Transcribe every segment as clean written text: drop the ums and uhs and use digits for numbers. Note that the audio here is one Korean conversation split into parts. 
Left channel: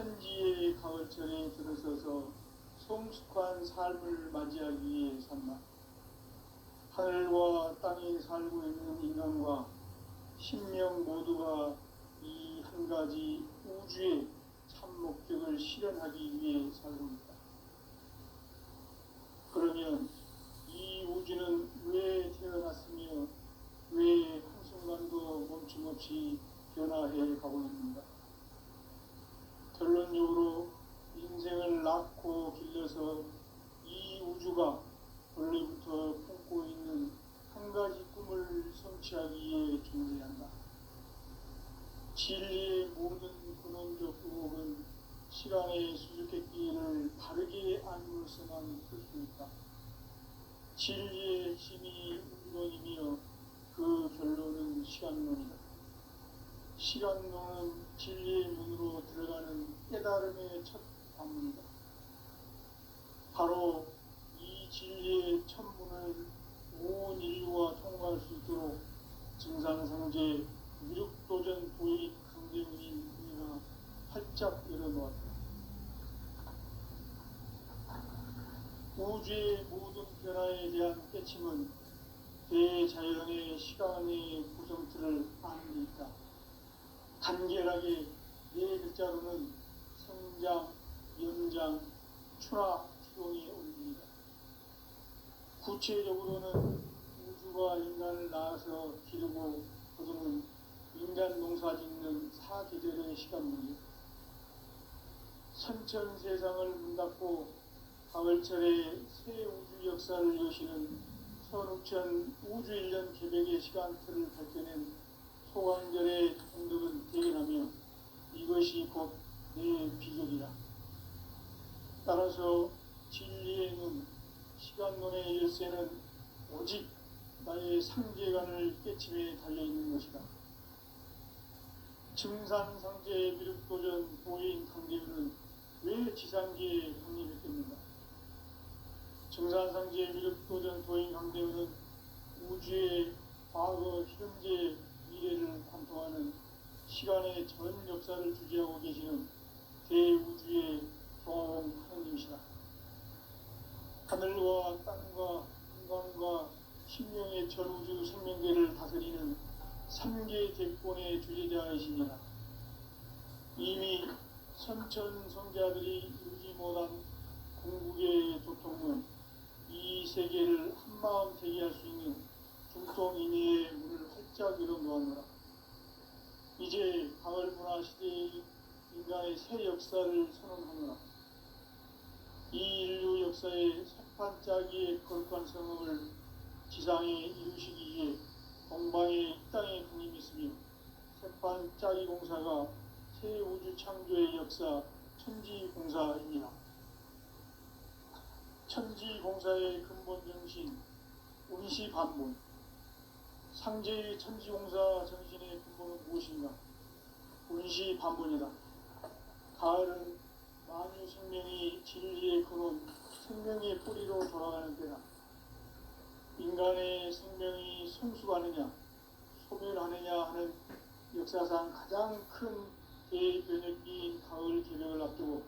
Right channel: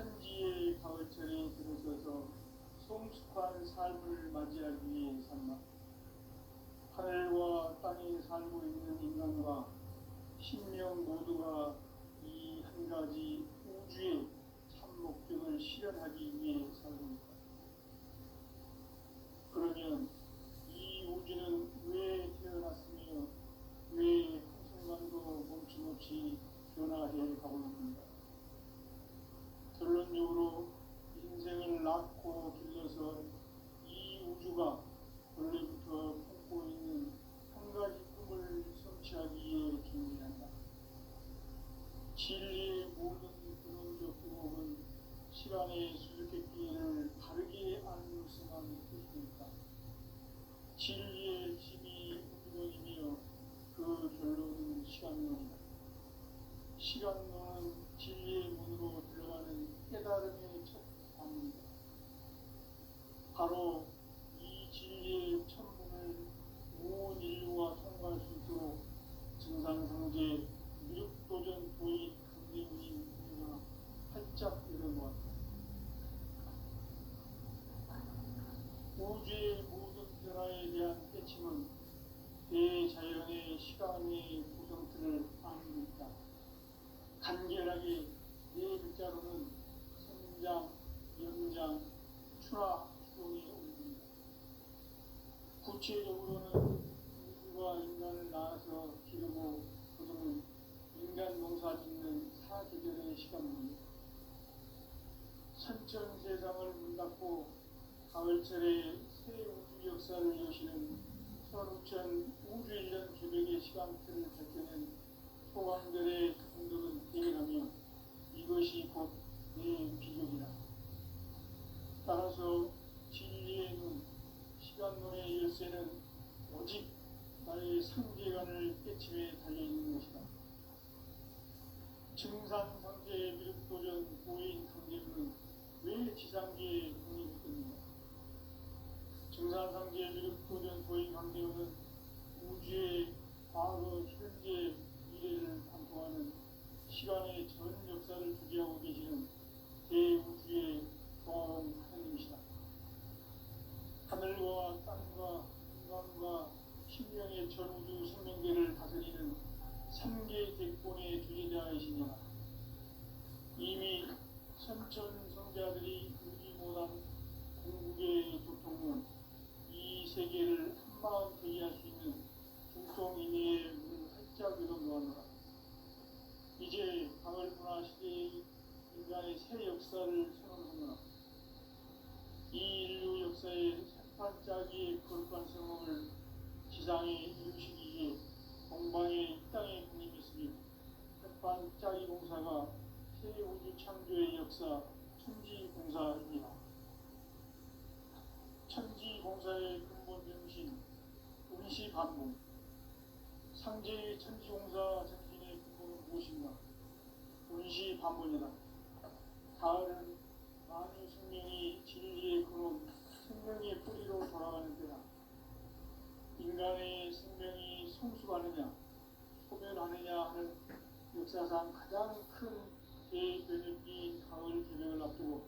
천지의 가을철에 들어서서 성숙한 삶을 맞이하기 위해 산다. 하늘과 땅에 살고 있는 인간과 신명 모두가 이 한 가지 우주의 참 목적을 실현하기 위해 살고 있다. 그러면 이 우주는 왜 태어났으며 왜 한순간도 멈춤없이 변화해 가고 있는가? 결론적으로 인생을 낳고 길러서 이 우주가 원래부터 품고 있는 한 가지 꿈을 성취하기 위해 존재한다. 진리의 모든 근원적 의혹은 시간의 수수께끼를 바르게 알므로서만 풀 수 있다. 진리의 핵심이 우주론이며 그 결론은 시간론이다. 시간론은 진리의 문으로 들어가는 깨달음의 첫 방문이다. 바로 이 진리의 첫 문을 온 인류가 통과할 수 있도록 증산성제 미륵도전 도인 강대훈이 우리가 활짝 열어놓았다. 우주의 모든 변화에 대한 깨침은 대자연의 시간의 구성틀을 아는 데 있다. 간결하게 네 글자로는 성장, 연장, 추락, 추동의 온전이다. 구체적으로는 우주가 인간을 낳아서 기르고 거두는 인간 농사 짓는 사계절의 시간문이다. 선천 세상을 문닫고 가을철에 새 우주 역사를 여시는 선우천 우주일년 개백의 시간틀을 밝혀낸 소관절의 공덕은 대견하며 이것이 곧 내 비결이라. 따라서 진리의 눈, 시간론의 열쇠는 오직 나의 상계관을 깨침에 달려있는 것이다. 증산상제 미륵도전 도인 강대훈은 왜 지상계에 확립했겠는가? 증산상제 미륵도전 도인 강대훈은 우주의 과거, 현재, 미래를 관통하는 시간의 전 역사를 주재하고 계시는 대우주의 조화원 하느님이시다. 하늘과 땅과 인간과 신명의 전우주 생명계를 다스리는 3개 대권의 주제자이시니라. 이미 선천성자들이 이루지 못한 궁극의 도통은 이 세계를 한마음 되게 할 수 있는 중통인의의 문을 활짝 열어놓았노라. 이제 가을 문화 시대의 인간의 새 역사를 선언하노라. 이 인류 역사의 새판짜기의 거룩한 성업을 지상에 이루시기 위해 동방의 이 땅에 군림했으며 새판짜기 공사가 새 우주 창조의 역사 천지공사입니다. 천지공사의 근본 정신 운시반문. 상제의 천지공사 정신의 근본은 무엇인가? 운시반문이다. 가을은 만유 생명이 진리의 근원, 생명의 뿌리로 돌아가는 때다. 인간의 생명이 성숙하느냐, 소멸하느냐 하는 역사상 가장 큰 대변혁기인 가을 개명을 앞두고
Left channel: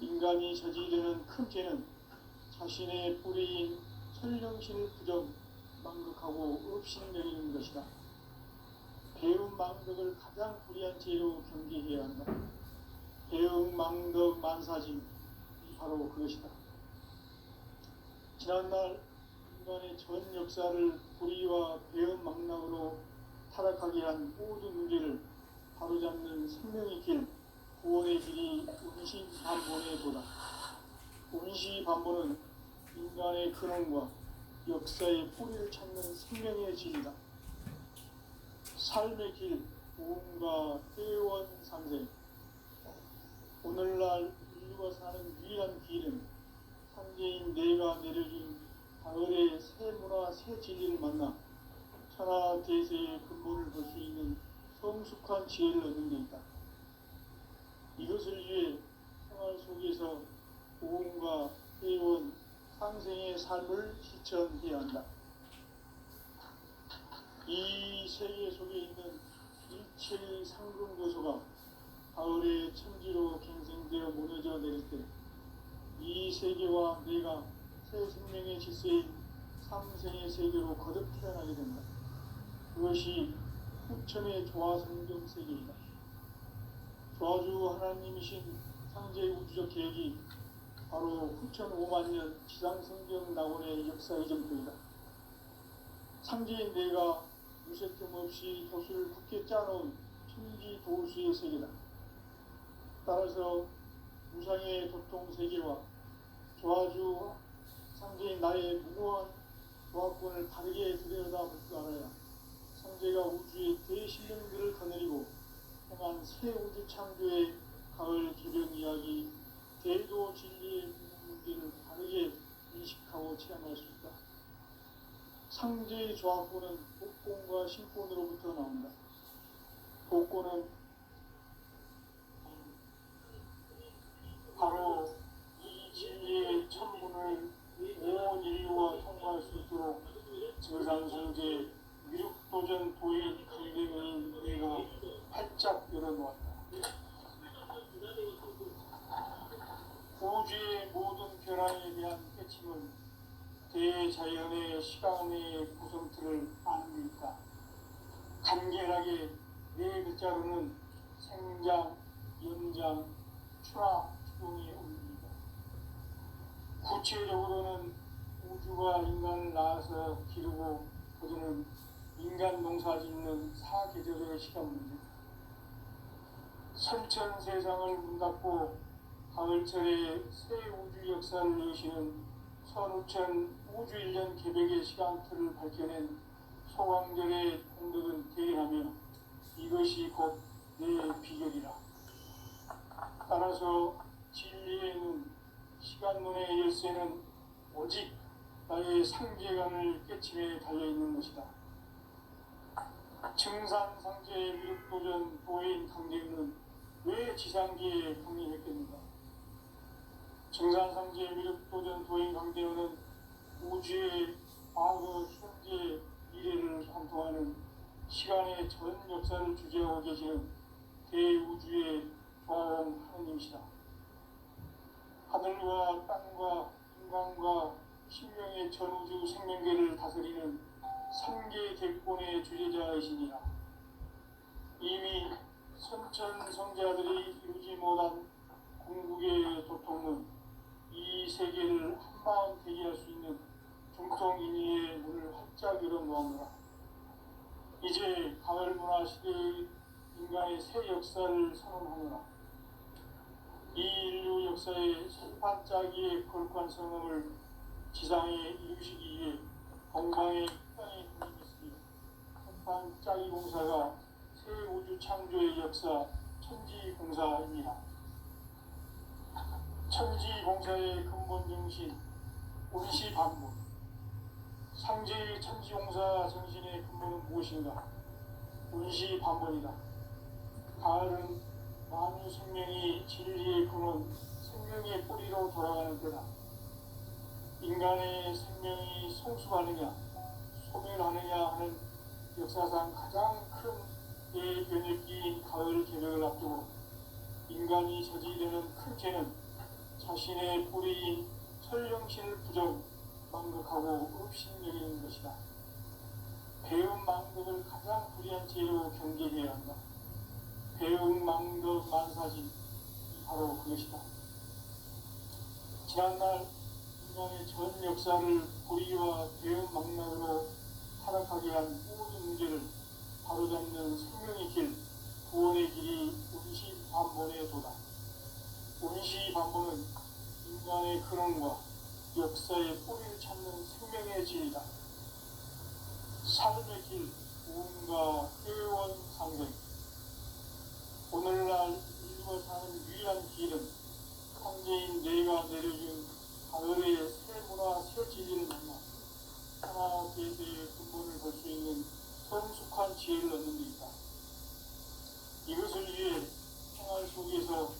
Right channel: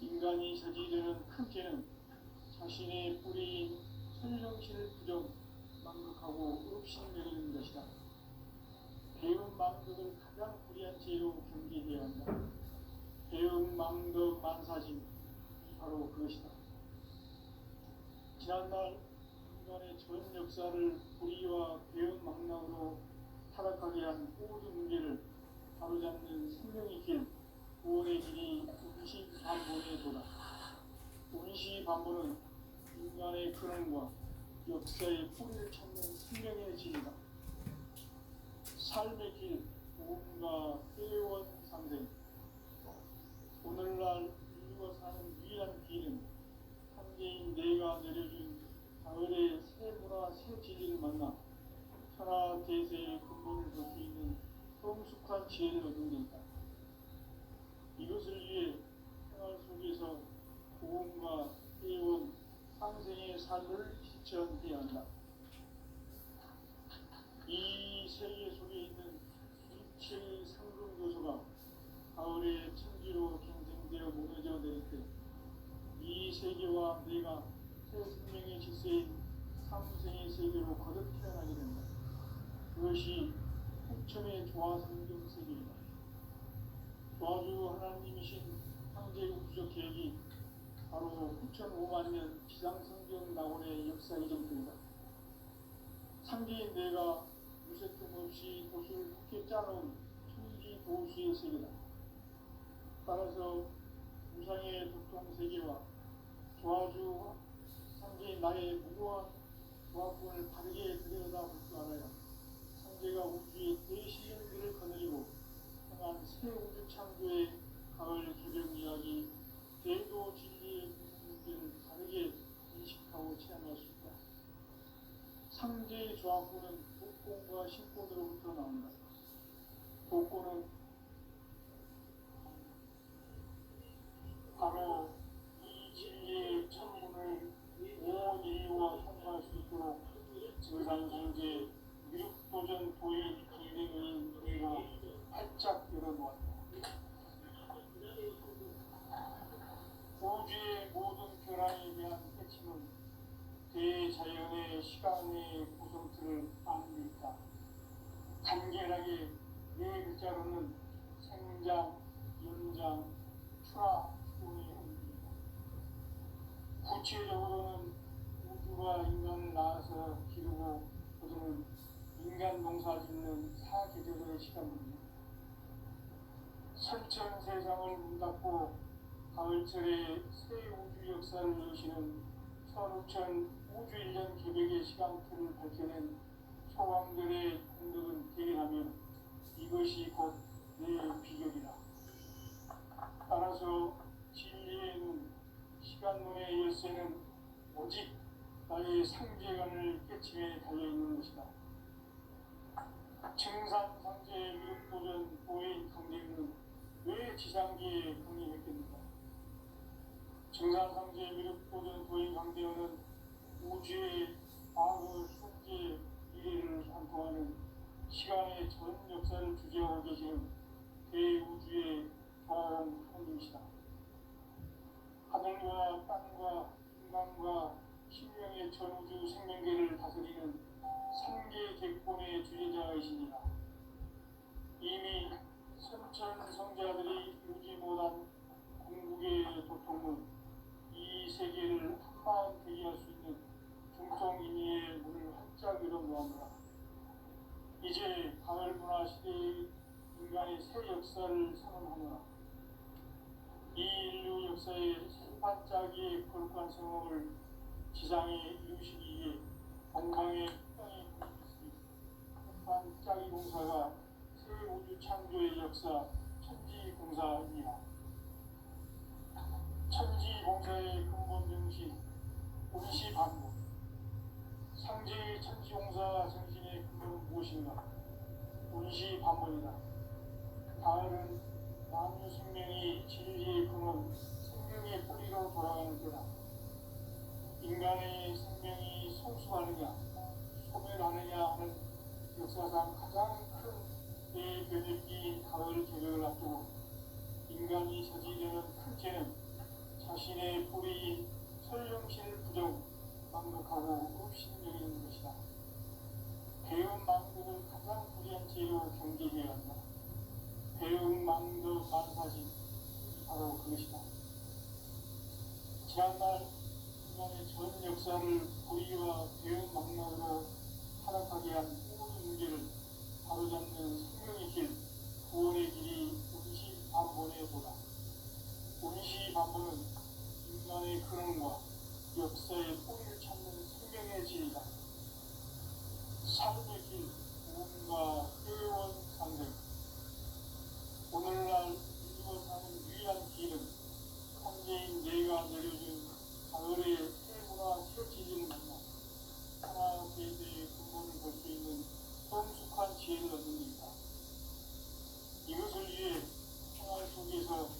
인간이 저지르는 큰 죄는 자신의 뿌리인 천령신을 부정, 망극하고 업신여기는 것이다. 배움 망덕을 가장 불의한 죄로 경계해야 한다. 배움 망덕 만사진, 바로 그것이다. 지난날 인간의 전 역사를 불의와 배움 망락으로 타락하게 한 모든 문제를 바로잡는 생명의 길, 구원의 길이 운시반본의 도다. 운시반본은 인간의 근원과 역사의 뿌리를 찾는 생명의 길이다. 삶의 길, 보험과 회원 상생. 오늘날 인류가 사는 유일한 길은 상제인 내가 내려준 가을의 새 문화, 새 진리를 만나 천하 대세의 근본을 볼 수 있는 성숙한 지혜를 얻는 데 있다. 이것을 위해 생활 속에서 보험과 회원, 상생의 삶을 실천해야 한다. 이 세계 속에 있는 일체의 상금 요소가 가을의 천지로 갱생 갱생되어 무너져 내릴 때 이 세계와 내가 새 생명의 질서인 상생의 세계로 거듭 태어나게 된다. 그것이 후천의 조화성경 세계이다. 조화주 하나님이신 상제의 우주적 계획이 바로 후천 5만 년 지상성경 낙원의 역사 이전부이다. 상제인 내가 무쇠틈 없이 돛을 굳게 짜놓은 천지 도수의 세계다. 따라서 우상의 도통 세계와 조화주 상제인 나의 무모한 조합권을 다르게 들여다볼 줄 알아야 상제가 우주의 대신령들을 거느리고 행한 새 우주 창조의 가을 개명 이야기, 대도 진리의 문제를 다르게 인식하고 체험할 수 있다. 상제의 조합권은 복권과 신권으로부터 나온다. 복권은 바로 이 진리의 천문을 온 인류와 통과할 수 있도록 증산성제 미륵도전 도인 강대의 은혜가 활짝 열어놓았다. 우주의 모든 변화에 대한 깨침은 대자연의 시간의 구성틀을 아닙니까? 간결하게 네 글자로는 생장, 연장, 추락, 추동이 옵니다. 구체적으로는 우주가 인간을 낳아서 기르고 거두는 인간 농사 짓는 사계절의 시간입니다. 선천 세상을 문 닫고 가을철에 새 우주 역사를 여시는 선우천 우주 1년 개백의 시간틀을 밝혀낸 소강절의 공덕은 대견하며 이것이 곧 내 비결이라. 따라서 진리의 눈, 시간문의 열쇠는 오직 나의 상계관을 깨침에 달려있는 것이다. 증산상제의 미륵도전 도인 강대우는 왜 지상기에 강림했겠는가? 증산상제의 미륵도전 도인 강대우는 우주의 과거, 현재, 미래를 관통하는 시간의 전 역사를 주재하고 계시는 대우주의 조화원 하나님이시다. 하늘과 땅과 인간과 신명의 전우주 생명계를 다스리는 삼계 객본의 주제자이시니라. 이미 선천 성자들이 이루지 못한 궁극의 도통은 이 세계를 한마음 대기할 수 있는 중통인의의 문을 활짝 열어놓았노라. 이제 가을 문화 시대의 인간의 새 역사를 선언하노라. 이 인류 역사의 첫 반짝이의 거룩한 성험을 지상에 이루시기 위해 건강의 땅에 분임했으니 첫 반짝이 공사가 새 우주 창조의 역사 천지공사입니다. 천지공사의 근본 정신 운시반문. 상제의 천지공사 정신의 근본은 무엇인가? 운시반문이다. 가을은 만유 생명이 진리의 근원, 생명의 뿌리로 돌아가는 때다. 인간의 생명이 성숙하느냐, 소멸하느냐 하는 역사상 가장 큰 대변혁기인 가을 개벽을 앞두고 인간이 저지르는 큰 죄는 자신의 뿌리인 설령신을 부정, 망극하고 없신여기는 것이다. 배움 망극을 가장 불의한 죄로 경계해야 한다. 배움 망극 만사진, 바로 그것이다. 지난날 인간의 전 역사를 불의와 배움 망락으로 타락하게 한 모든 문제를 바로잡는 생명의 길, 구원의 길이 운시반본의 도다. 운시반본은 인간의 근원과 역사의 뿌리를 찾는 생명의 길이다. 삶의 길, 무언가 회원 상생. 오늘날 인류가 사는 유일한 길은 상제인 내가 내려준 가을의 새 문화, 새 진리를 만나 하나 대대의 근본을 볼 수 있는 성숙한 지혜를 얻는 데 있다. 이것을 위해 생활 속에서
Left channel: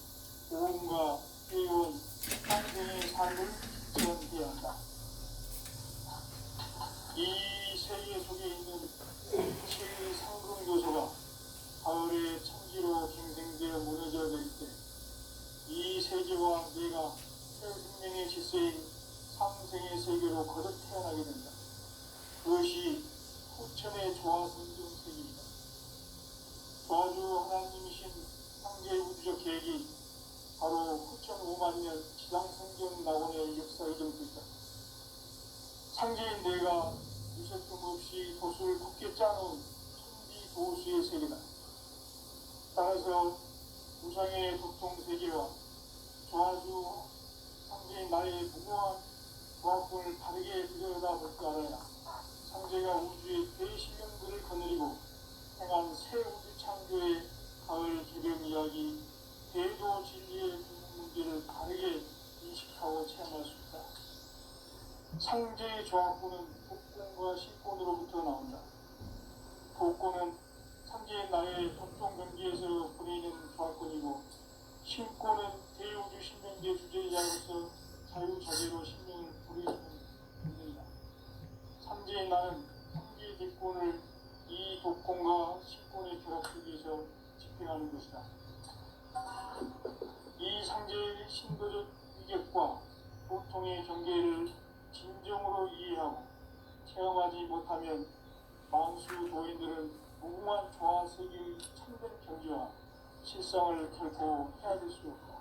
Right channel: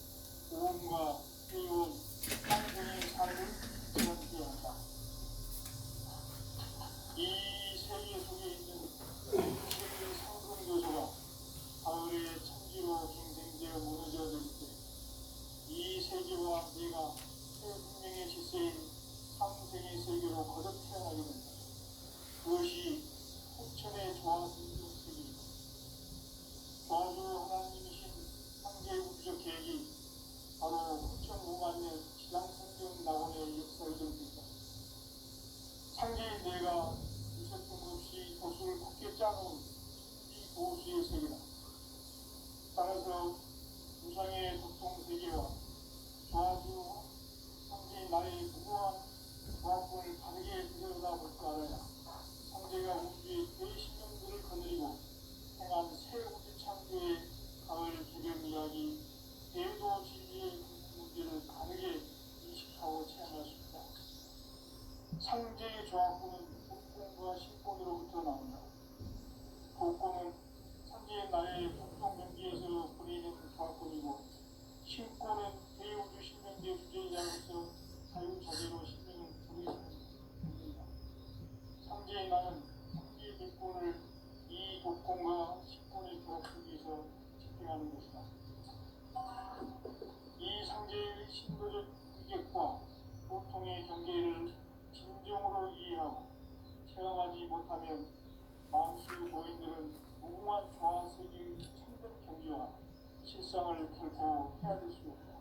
모험과 회원, 상생의 삶을 지원해야 한다. 이 세계 속에 있는 신의 상승 요소가 가을의 천지로 갱생되어 무너져 내릴 때 이 세계다. 따라서 우상의 보통 세계와 조화주 상제인 나의 무모한 조합권을 다르게 들여다볼 줄 알아야 상제가 우주의 대실령들을 거느리고 행한 새 우주 창조의 가을 개명 이야기, 대도 진리의 궁극 문제를 다르게 인식하고 체험할 수 있다. 상제의 조합권은 복권과 신권으로부터 나온다. 복권은 상제의 나의 독종 경지에서 보내는 조합권이고, 신권은 대우주 신명계 주제자로서 자유자재로 신명을 부르시는 문제이다. 상제의 나는 상제의 대권을 이 독권과 신권의 결합 속에서 집행하는 것이다. 이 상제의 신도적 위격과 보통의 경계를 진정으로 이해하고 체험하지 못하면 마음수 도인들은 무궁한 조화 세계의 참된 경지와 실상을 결코 헤아릴 수 없다.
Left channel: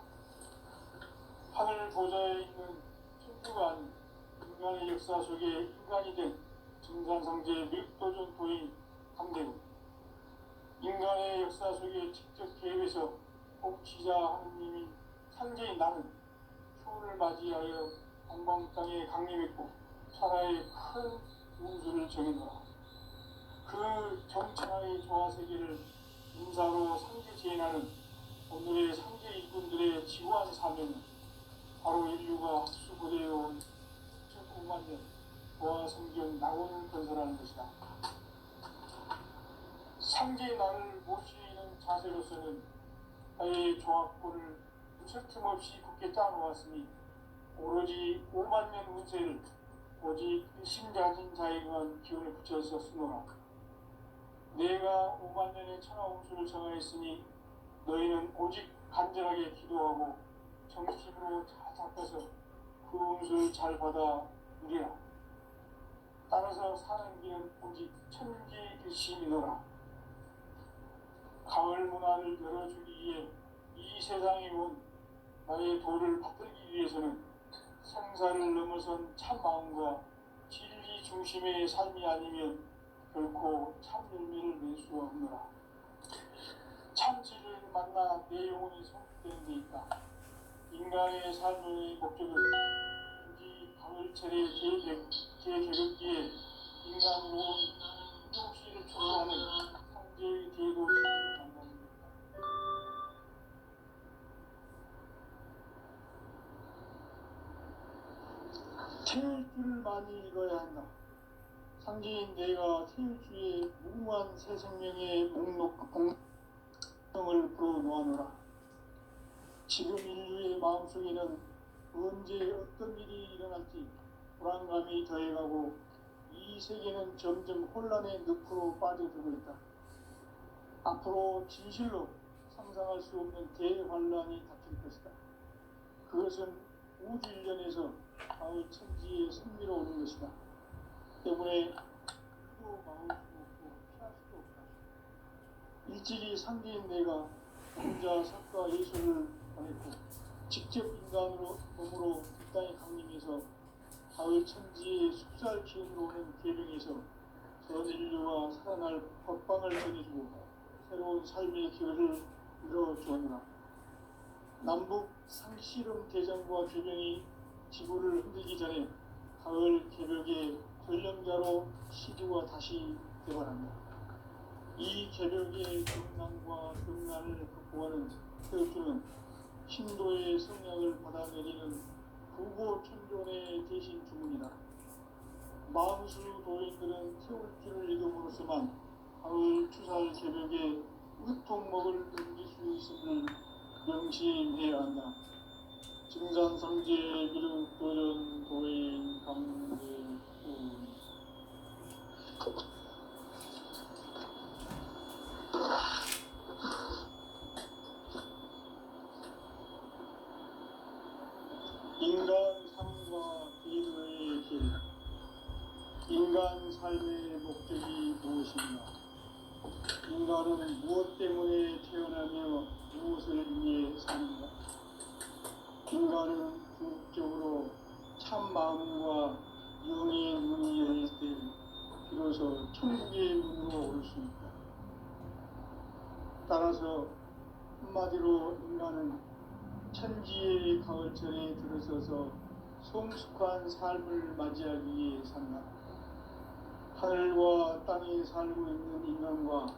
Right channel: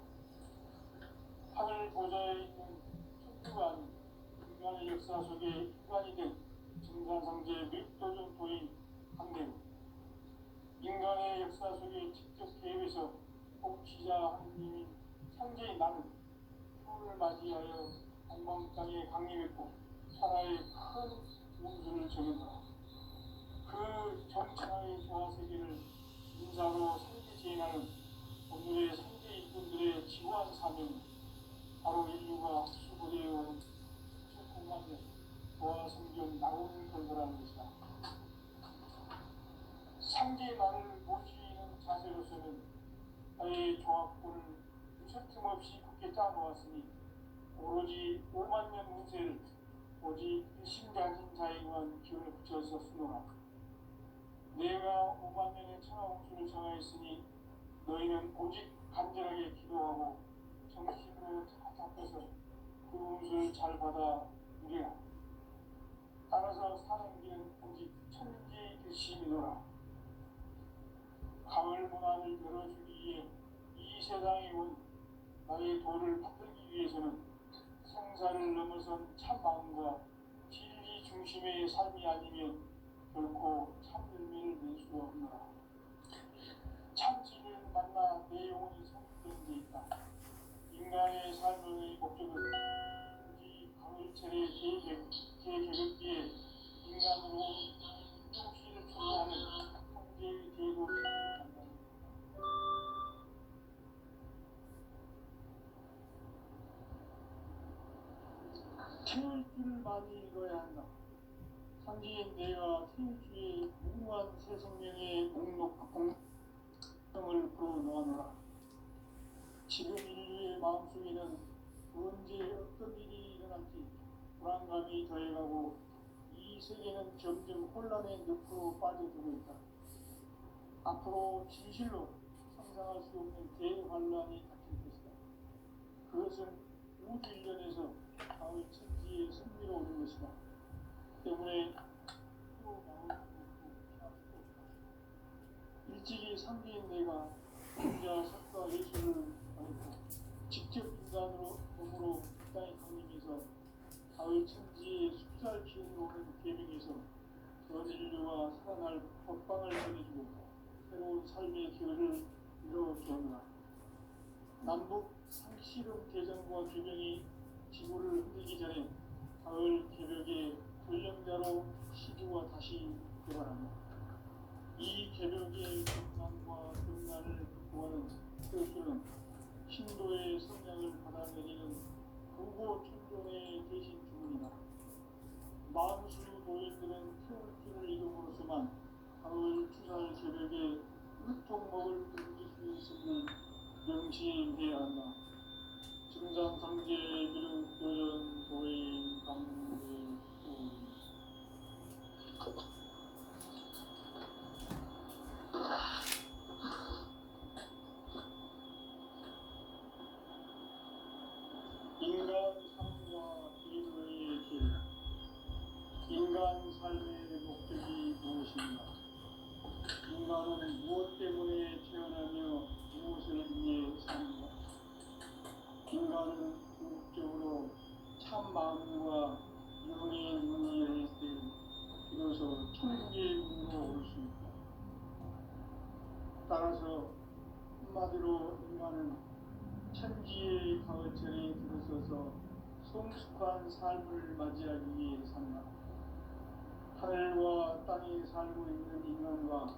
하늘 보좌에 있는 천주가 아닌 인간의 역사 속에 인간이 된 증산상제 늙도전 도인 강대국, 인간의 역사 속에 직접 개입해서 통치자 하느님인 상제인 나는 초를 맞이하여 안방땅에 강림했고 천하의 큰 운수를 정했노라. 그 정천하의 조화세계를 인사로 상제 제인하는 오늘의 상제 일꾼들의 지구한 사명은 바로 인류가 학수고대해온 9만 년 조화 성경 낙원을 건설하는 것이다. 상제의 나를 모시는 자세로서는 나의 조합권을 무슨 틈없이 굳게 짜놓았으니 오로지 5만 년 운세를 오직 일심가진 자에게만 기운을 붙여서 쓰노라. 내가 5만 년의 천하 운수를 정하였으니 너희는 오직 간절하게 기도하고 정심으로 잘 잡아서 그 운수를 잘 받아 누리라. 따라서 사는 길은 오직 천지일심이노라. 가을 문화를 열어주기 위해 이 세상에 온 나의 도를 받들기 위해서는 생사를 넘어선 참 마음과 진리 중심의 삶이 아니면 결코 참 열매를 낼 수 없노라. 참 진리를 만나 내 영혼이 성숙되는 데 있다. 인간의 삶의 목적은 굳이 가을철의 제개벽기에 인간으로 인종시를 초래하는 상제의 대도를 만납니다. 태울 줄을 많이 읽어야 한다. 상제인 내가 태울 주의 무궁한 새 생명의 공성을 불어놓아노라. 지금 인류의 마음속에는 언제 어떤 일이 일어날지 불안감이 더해가고 이 세계는 점점 혼란의 늪으로 빠져들고 있다. 앞으로 진실로 상상할 수 없는 대환란이 닥칠 것이다. 그것은 우주 일련에서 가을 천지의 승리로 오는 것이다. 때문에 또 막을 수 없고 피할 수도 없다. 일찍이 상제인 내가 혼자 석과 예수를 보냈고 직접 인간으로 몸으로 이 땅에 강림해서 가을 천지의 숲살 기운으로 오는 계명에서 전 인류가 살아날 법방을 전해주고 새로운 삶의 기회를 이뤄주었노라. 남북 상실험 대전과 규명이 지구를 흔들기 전에 가을 개벽의 전령자로 시주가 다시 개발한다. 이 개벽의 경난과 경난을 극복하는 태우주는 신도의 성령을 받아내리는 구고천존의 대신 주문이다. 마음수 도인들은 태울주를 읽음으로써만 가을 추살 개벽의 유통목을 넘길 수 있음을 명심해야 한다. 증산상제 미륵도전 도인 강대훈. 인간 삶과 인의 길. 인간 삶의 목적이 무엇인가? 인간은 무엇 때문에 태어나며 무엇을 위해 사는가? 인간은 궁극적으로 참 마음과 영의 눈이 열릴 때 비로소 천국의 눈으로 올 수 있다. 따라서 한마디로 인간은 천지의 가을철에 들어서서 성숙한 삶을 맞이하기 위해 산다. 하늘과 땅에 살고 있는 인간과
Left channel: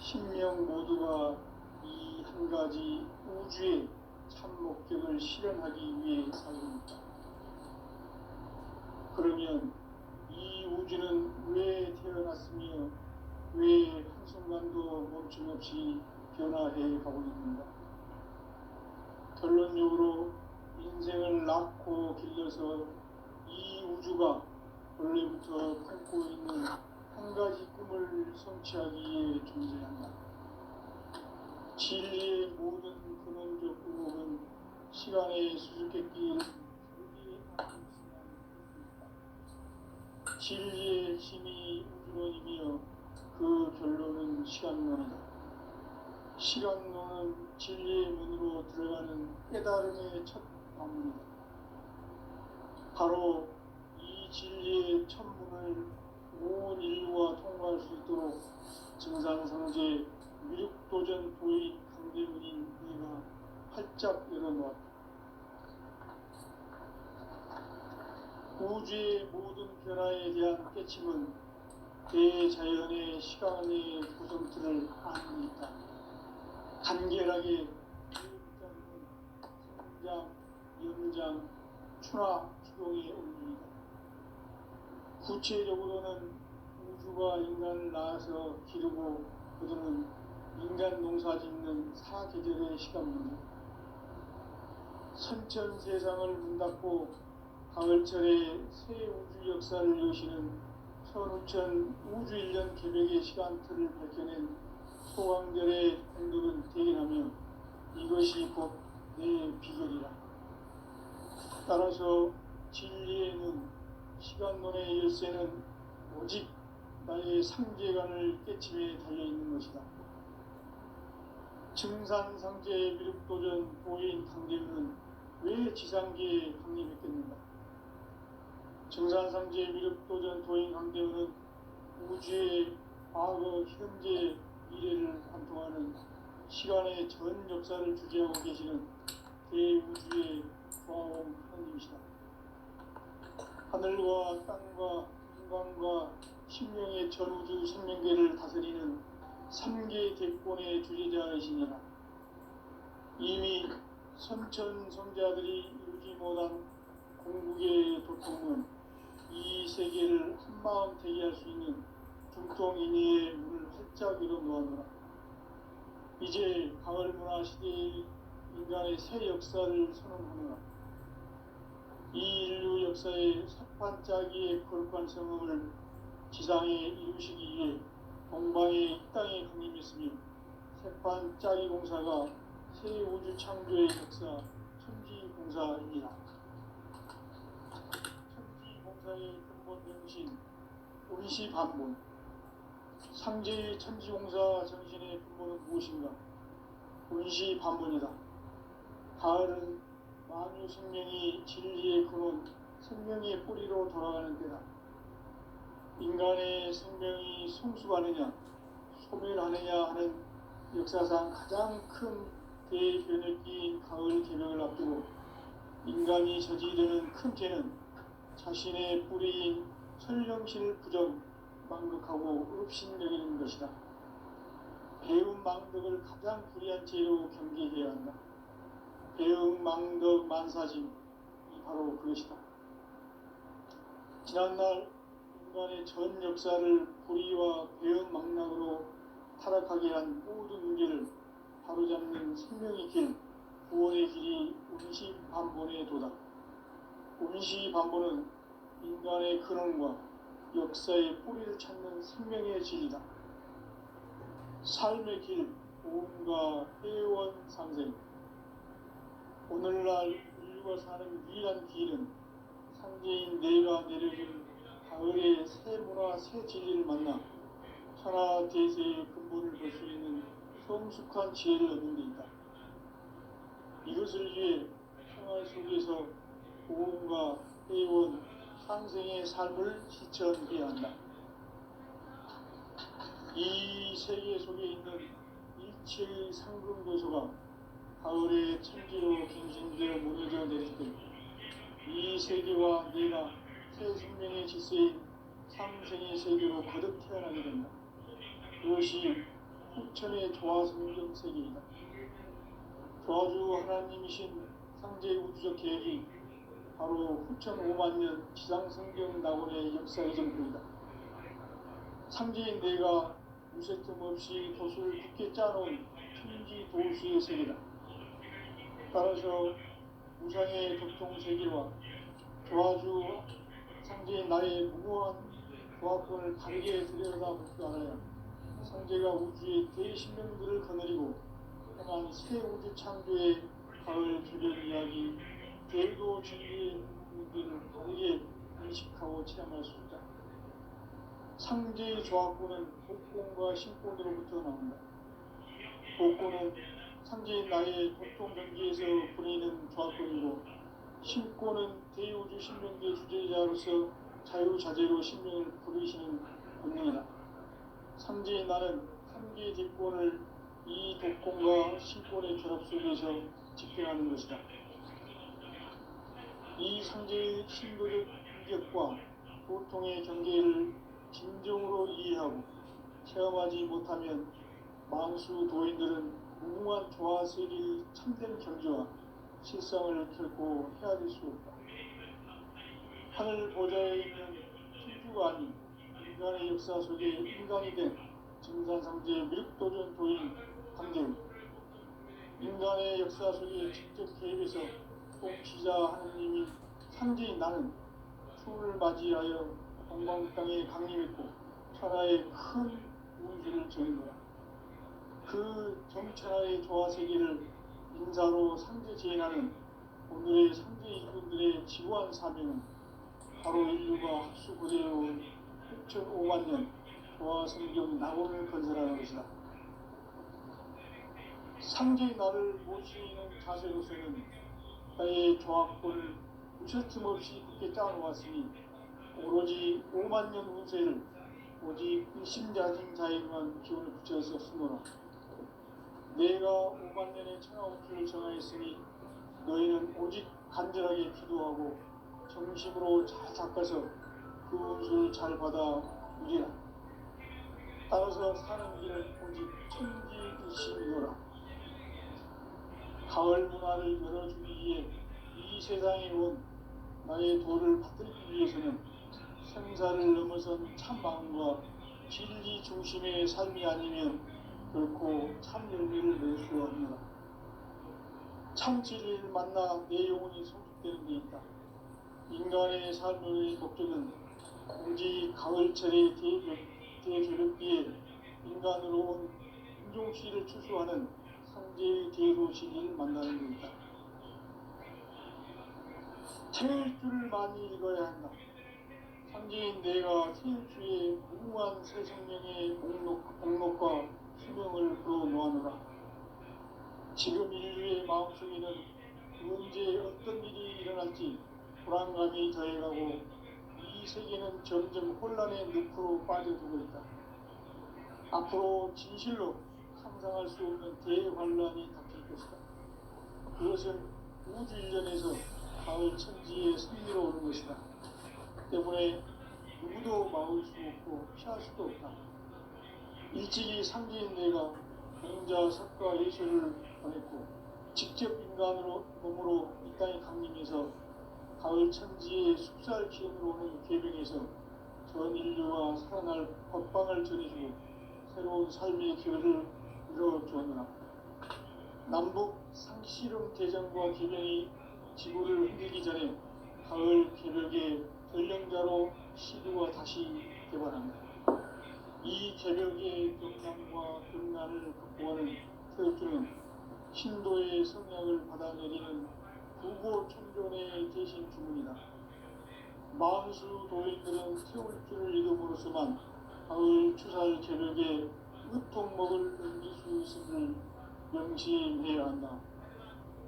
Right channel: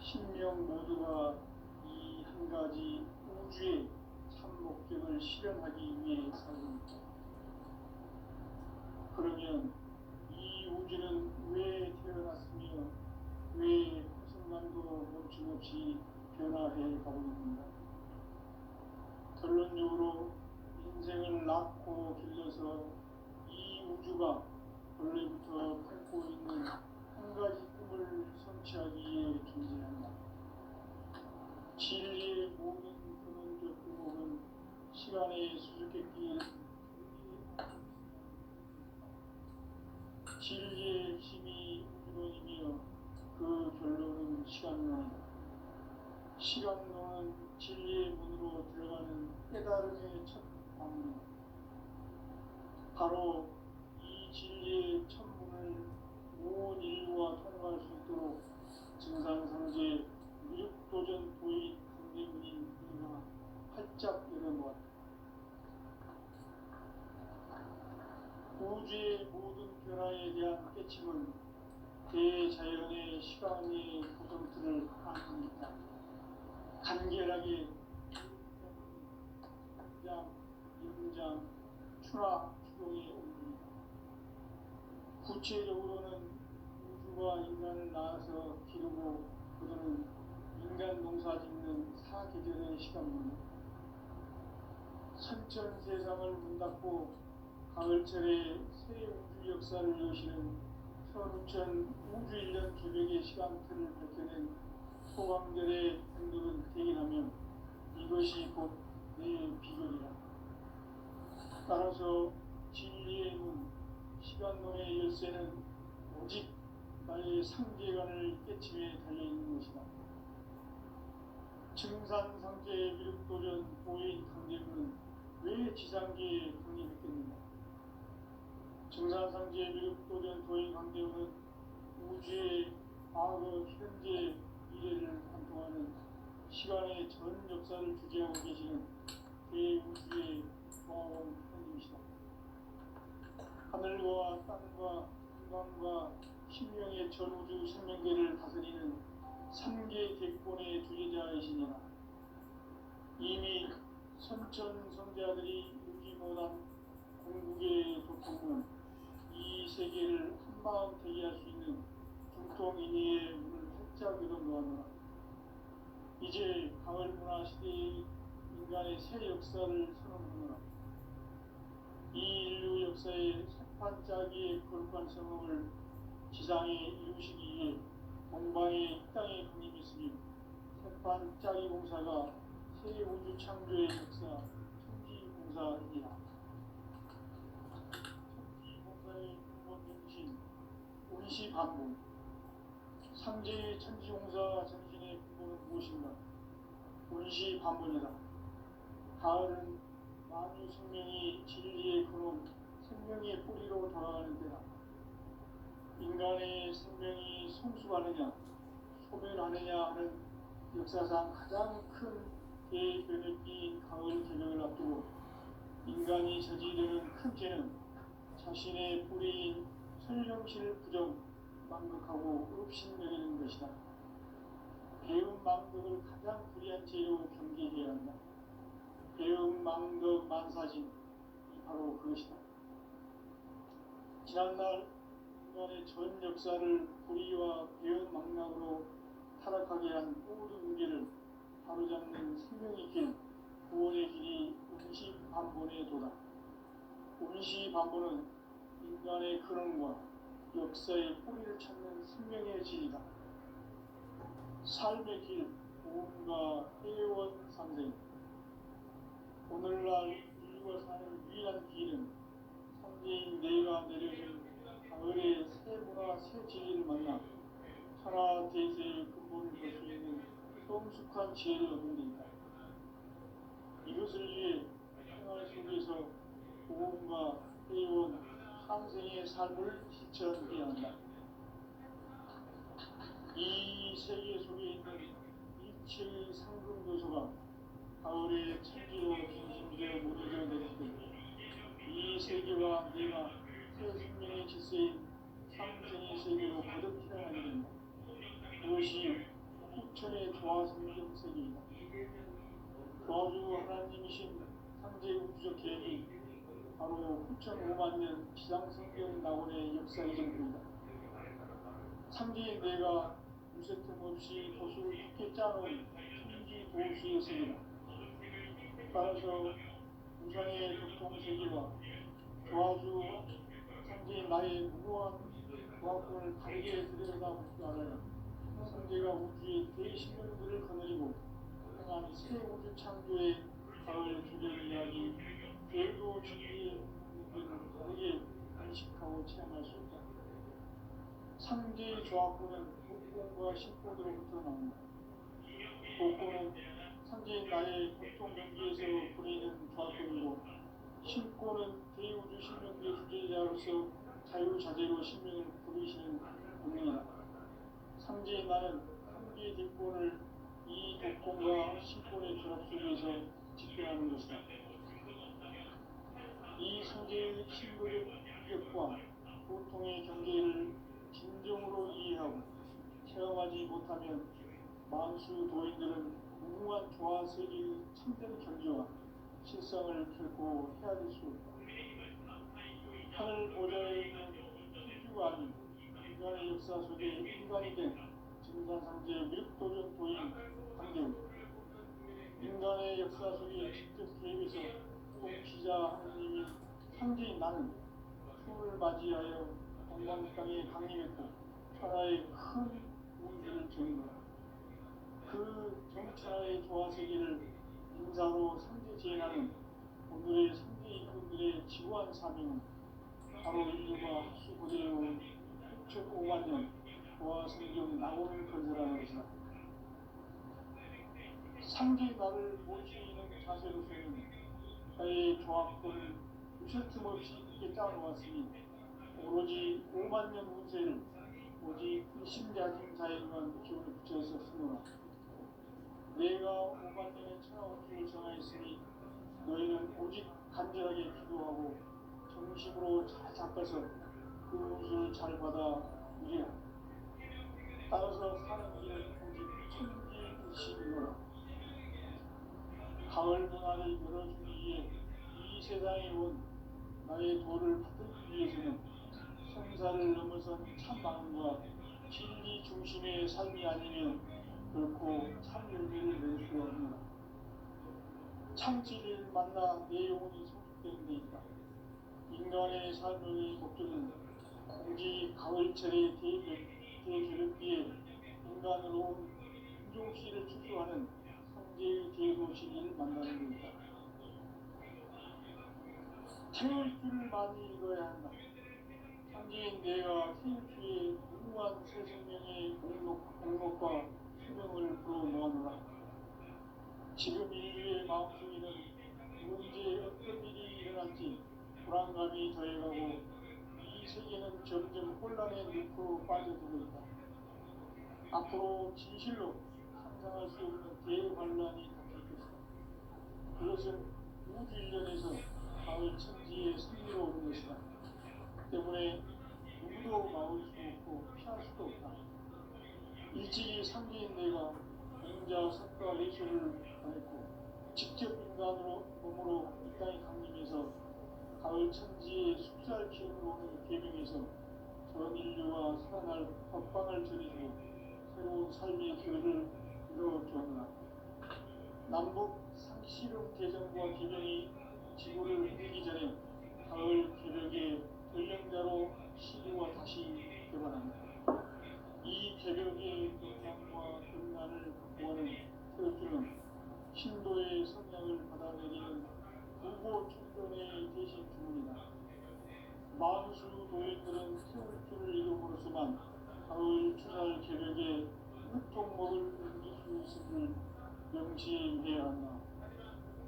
신명 모두가 이 한 가지 우주의 참 목적을 실현하기 위해 살고 있다. 그러면 이 우주는 왜 태어났으며 왜 한순간도 멈춤없이 변화해 가고 있는가? 결론적으로 인생을 낳고 길러서 이 우주가 원래부터 품고 있는 한 가지 꿈을 성취하기 위해 존재한다. 진리의 모든 근원적 구목은 시간의 수수께끼 진리의 핵심이 우주론이며 그 결론은 시간론이다. 시간론은 진리의 문으로 들어가는 깨달음의 첫 방문이다. 바로 이 진리의 첫 문을 온 인류가 통과할 수 있도록 증산상제 미륵도전 도인 강대문인 내가 활짝 열어놓았다. 우주의 모든 변화에 대한 깨침은 대자연의 시간의 구성틀을 아는 있다. 간결하게 성장, 영장, 추나 추동의 원리이다. 구체적으로는 우주가 인간을 낳아서 기르고 거두는 인간 농사 짓는 사계절의 시간입니다. 선천 세상을 문 닫고 가을철에 새 우주 역사를 여시는 선우천 우주 1년 계획의 시간틀을 밝혀낸 소강들의 행동은 대견하며 이것이 곧 내 비결이라. 따라서 진리의 문, 시간론의 열쇠는 오직 나의 상계관을 깨침에 달려있는 것이다. 증산상제 미륵도전 도인 강대문은 왜 지상계에 강림했겠는가? 증산상제 미륵도전 도인 강대문은 우주의 과거, 현재, 미래를 관통하는 시간의 전 역사를 주재하고 계시는 대우주의 조화공 하나님이시다. 하늘과 땅과 인간과 신명의 전우주 생명계를 다스리는 3개 대권의 주제자이시니라. 이미 선천성자들이 이루지 못한 공국의 도통은 이 세계를 한마음 되게 할 수 있는 중통인의의 문을 활짝 열어놓았노라. 이제 가을문화 시대의 인간의 새 역사를 선언하노라. 이 인류 역사의 색반짜기의 거룩한 성음을 지상에 이루시기 위해 동방의 이 땅에 강림했으며 색반짜기 공사가 새 우주 창조의 역사 천지공사입니다. 천지공사의 근본 정신 운시반문. 상제의 천지공사 정신의 근본은 무엇인가? 운시반문이다. 가을은 만유 생명이 진리의 근원, 생명의 뿌리로 돌아가는 때다. 인간의 생명이 성숙하느냐, 소멸하느냐 하는 역사상 가장 큰 대변혁기인 가을 개명을 앞두고 인간이 저지르는 큰 죄는 자신의 뿌리인 설령실 부정, 망극하고 의롭심 여기는 것이다. 배움 망덕을 가장 불의한 죄로 경계해야 한다. 배움 망덕 만사심이 바로 그것이다. 지난날 인간의 전 역사를 불의와 배움 망락으로 타락하게 한 모든 문제를 바로잡는 생명의 길, 구원의 길이 운시반본의 도다. 운시반본은 인간의 근원과 역사의 뿌리를 찾는 생명의 길이다. 삶의 길, 보험과 회원 상생. 오늘날 인류가 사는 유일한 길은 상제인 내가 내려준 가을의 새 문화, 새 진리를 만나 천하 대세의 근본을 볼 수 있는 성숙한 지혜를 얻는 데 있다. 이것을 위해 생활 속에서 보험과 회원, 상생의 삶을 실천해야 한다. 이 세계 속에 있는 빛의 상금도서가 가을의 천지로 갱신되어 무너져 내릴 때 이 세계와 내가 새 생명의 질서인 상생의 세계로 거듭 태어나게 된다. 그것이 후천의 조화성경 세계이다. 조화주 하나님이신 상제 우주적 계획이 바로 후천 5만 년 지상성경 낙원의 역사의 전부이다. 상제인 내가 무쇠틈 없이 도수를 깊게 짜놓은 천지 도수의 세계다. 따라서 우상의 교통세계와 조화주 상제인 나의 무모한 조화권을 다르게 들여다볼 줄 알아야 상제가 우주의 대신명들을 거느리고 행한 새 우주 창조의 가을 주변 이야기 별도 진리의 의미를 다르게 인식하고 체험할 수 있다. 상제의 조화권은 복권과 신권으로부터 나온다. 복권은 상제인 나의 고통 경계에서 부리는 조화권이고 신권은 대우주 신명계 주제자로서 자유자재로 신명을 부르시는 권능이다. 상제인 나는 상계 대권을 이 독권과 신권의 결합 속에서 집행하는 것이다. 이 상제의 신부적 인격과 고통의 경계를 진정으로 이해하고 체험하지 못하면 만수 도인들은 무궁한 조화 세계의 참된 경지와 실상을 결코 헤아릴 수 없다. 하늘 보좌에 있는 천주가 아닌 인간의 역사 속에 인간이 된 증산상제 미륵도전 도인 강재우, 인간의 역사 속에 직접 개입해서 통치자 하느님인 상제인 나는 추운을 맞이하여 동방 땅에 강림했고 천하의 큰 운수를 정했노라. 그 정천하의 조화세계를 인사로 상제 제인하는 오늘의 상제 인분들의 지구한 사명은 바로 인류가 합수 고대해온 6,500만 년 조화성경 낙원을 건설하는 것이다. 상제의 나를 모시는 자세로서는 나의 조화권을 무셔틈 없이 굳게 짜놓았으니 오로지 5만 년 운세를 오직 일심자진 자에게만 기운을 붙여서 쓰노라. 내가 5만 년의 천하운수를 정하였으니 너희는 오직 간절하게 기도하고 정심으로 잘 닦아서 그 운수를 잘 받아 누리라. 따라서 사는 길은 오직 천지일심이노라. 가을 문화를 열어주기 위해 이 세상에 온 나의 도를 받들기 위해서는 생사를 넘어선 참 마음과 진리 중심의 삶이 아니면 결코 참 열매를 낼 수 없느라. 참 진리를 만나 내 영혼이 성숙되는 데 있다. 인간의 삶의 목적은 오직 가을철의 대조력기에 인간으로 온 인종시를 추수하는 상제의 대도시를 만나는 데 있다. 태일주를 많이 읽어야 한다. 상제인 내가 태일주의 무궁한 새 생명의 목록과 수명을 불어모아노라. 지금 인류의 마음속에는 언제 어떤 일이 일어날지 불안감이 더해가고 이 세계는 점점 혼란의 늪으로 빠져들고 있다. 앞으로 진실로 상상할 수 없는 대환란이 닥칠 것이다. 그것은 우주 일전에서 가을 천지에 선미로 오는 것이다. 때문에 누구도 막을 수 없고 피할 수도 없다. 일찍이 상제인 내가 공자 석과 예수를 보냈고 직접 인간으로 몸으로 이 땅에 강림해서 가을 천지의 숲살 기운으로 오는 계명에서 전 인류가 살아날 법방을 전해주고 새로운 삶의 기회를 이뤄주었노라. 남북 상시름 대전과 계명이 지구를 흔들기 전에 가을 개벽의 전령자로 시부가 다시 개발한다. 이 개벽의 영향과 등난을 극복하는 태극주는 신도의 성향을 받아내리는 부고 천존의 대신 주문이다. 만수 도인들은 태울주를 이름으로서만 가을 추살 개벽에 으통 먹을 은기수 있음을 명시해야 한다.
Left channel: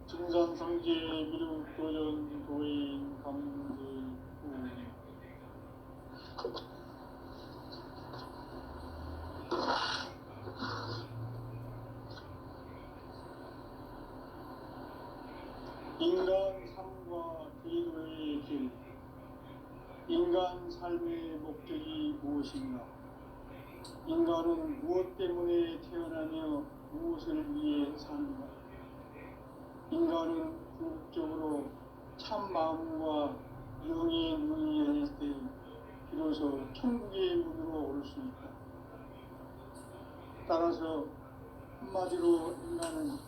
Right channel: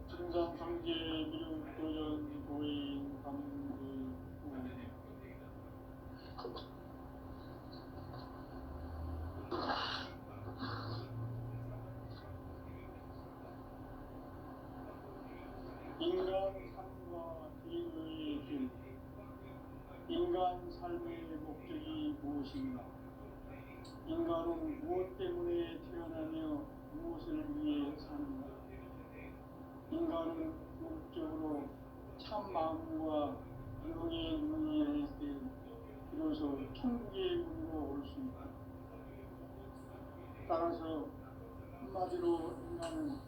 증산성제 미륵도전 도인 감제후 인간 삶의 목적이 무엇인가? 인간은 무엇 때문에 태어나며 무엇을 위해 사는가? 인간은 궁극적으로 참 마음과 영의 눈이 열릴 때 비로소 천국의 문으로 올 수 있다. 따라서 한마디로 인간은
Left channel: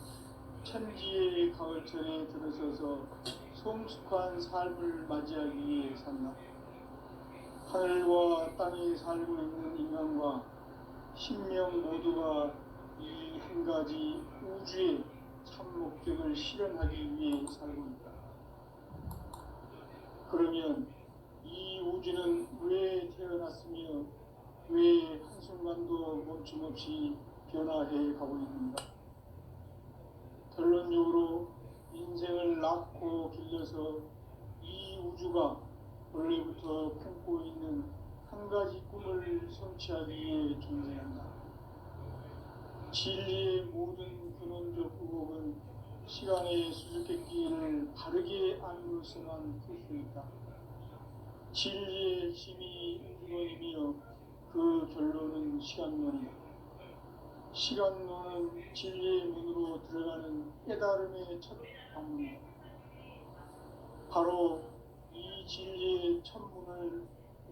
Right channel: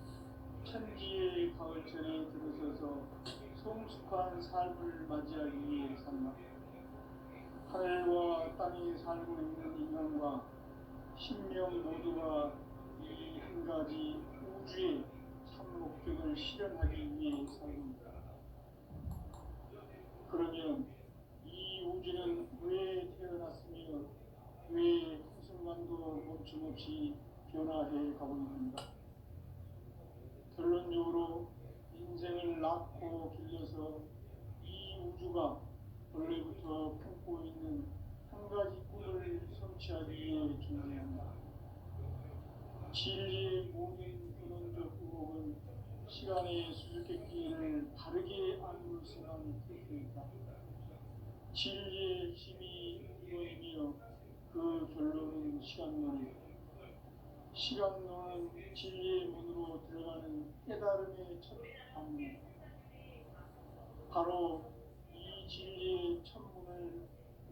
천지의 가을철에 들어서서 성숙한 삶을 맞이하기 위해 산다. 하늘과 땅에 살고 있는 인간과 신명 모두가 이 한 가지 우주의 참 목적을 실현하기 위해 살고 있다. 그러면 이 우주는 왜 태어났으며 왜 한순간도 멈춤없이 변화해 가고 있는가? 결론적으로 인생을 낳고 길러서 이 우주가 원래부터 품고 있는 한 가지 꿈을 성취하기 위해 존재한다. 진리의 모든 근원적 의혹은 시간의 수수께끼를 바르게 안으로서만 풀 수 있다. 진리의 핵심이 근원이며 그 결론은 시간론이다. 시간론은 진리의 문으로 들어가는 깨달음의 첫 방문이다. 바로 이 진리의 첫 문을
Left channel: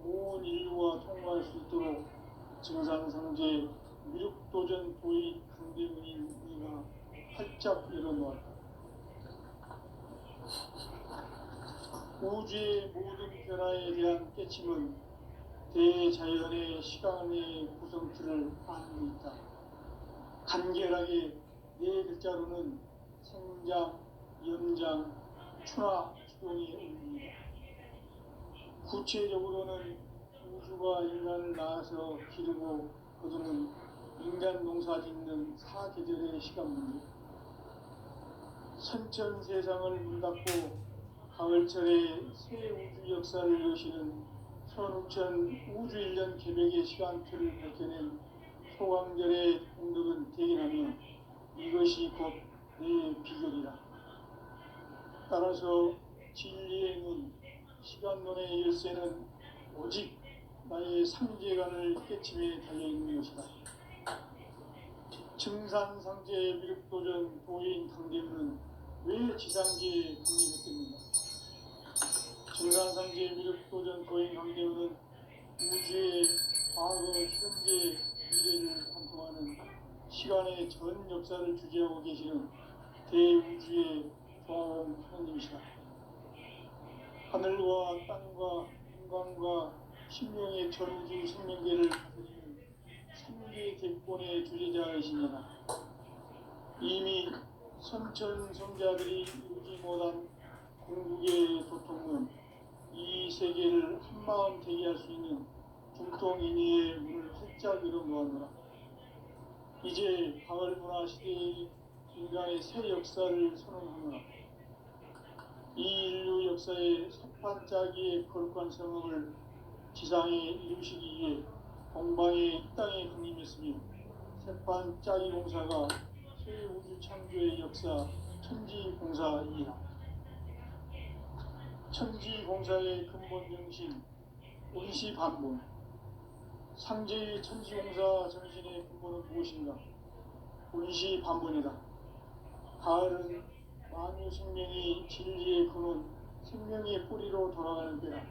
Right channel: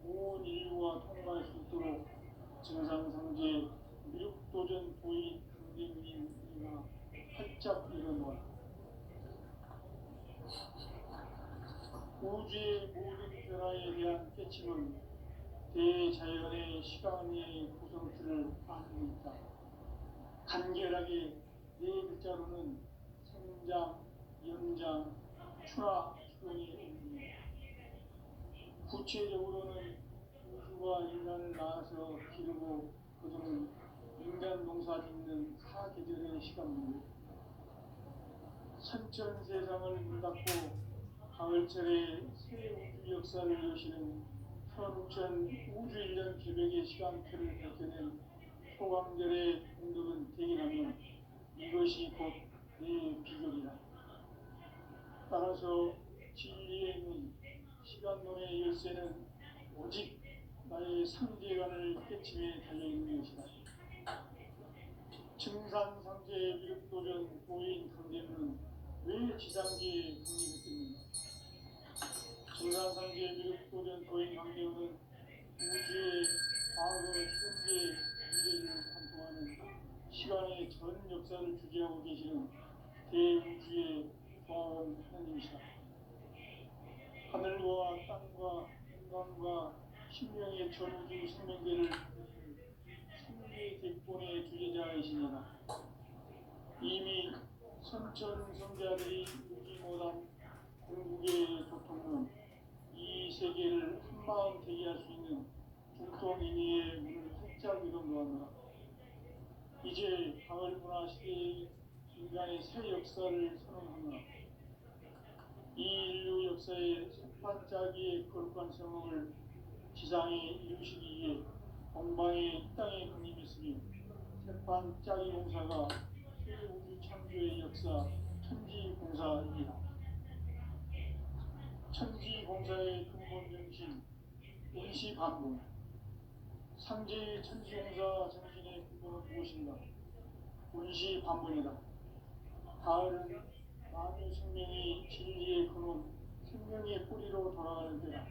온 인류가 통과할 수 있도록 증산상제 미륵도전 도의 강대문인 우리가 활짝 열어놓았다. 우주의 모든 변화에 대한 깨침은 대자연의 시간의 구성틀을 안고 있다. 간결하게 네 글자로는 생장, 연장, 추나 추동이 의미합니다. 구체적으로는 우주가 인간을 낳아서 기르고 거두는 인간 농사 짓는 사계절의 시간문제, 선천 세상을 문닫고 가을철에 새 우주 역사를 여시는 선우천 우주 1년 개벽의 시간표를 밝혀낸 소강절의 공덕은 대견하며 이것이 곧 내 비결이다. 따라서 진리의 문, 시간론의 열쇠는 오직 나의 상계관을 깨침에 달려있는 것이다. 증산상제 미륵도전 도인 강대문은 왜 지상계에 강림했습니까? 증산상제 미륵도전 도인 강대문은 우주의 과거, 현재, 미래를 관통하는 시간의 전 역사를 주재하고 계시는 대우주의 조화원 하나님이시다. 하늘과 땅과 인간과 신명의 전우주 생명계를 그리는 삼계 대권의 주제자이십니다. 이미 선천 성자들이 이루지 못한 궁극의 도통은 이 세계를 한마음 되게 할 수 있는 중통인의의 문을 활짝 열어놓았노라. 이제 가을 문화 시대의 인간의 새 역사를 선언하노라. 이 인류 역사의 섭반짜기의 거룩한 성업을 지상에 이루시기 위해 동방의 이 땅에 강림했으며 섭반짜기 공사가 새 우주 창조의 역사 천지공사이다. 천지공사의 근본 정신 원시반본, 상제의 천지공사 정신의 근본은 무엇인가? 원시반본이다. 가을은 만유 생명이 진리의 근원, 생명의 뿌리로 돌아가는 때다.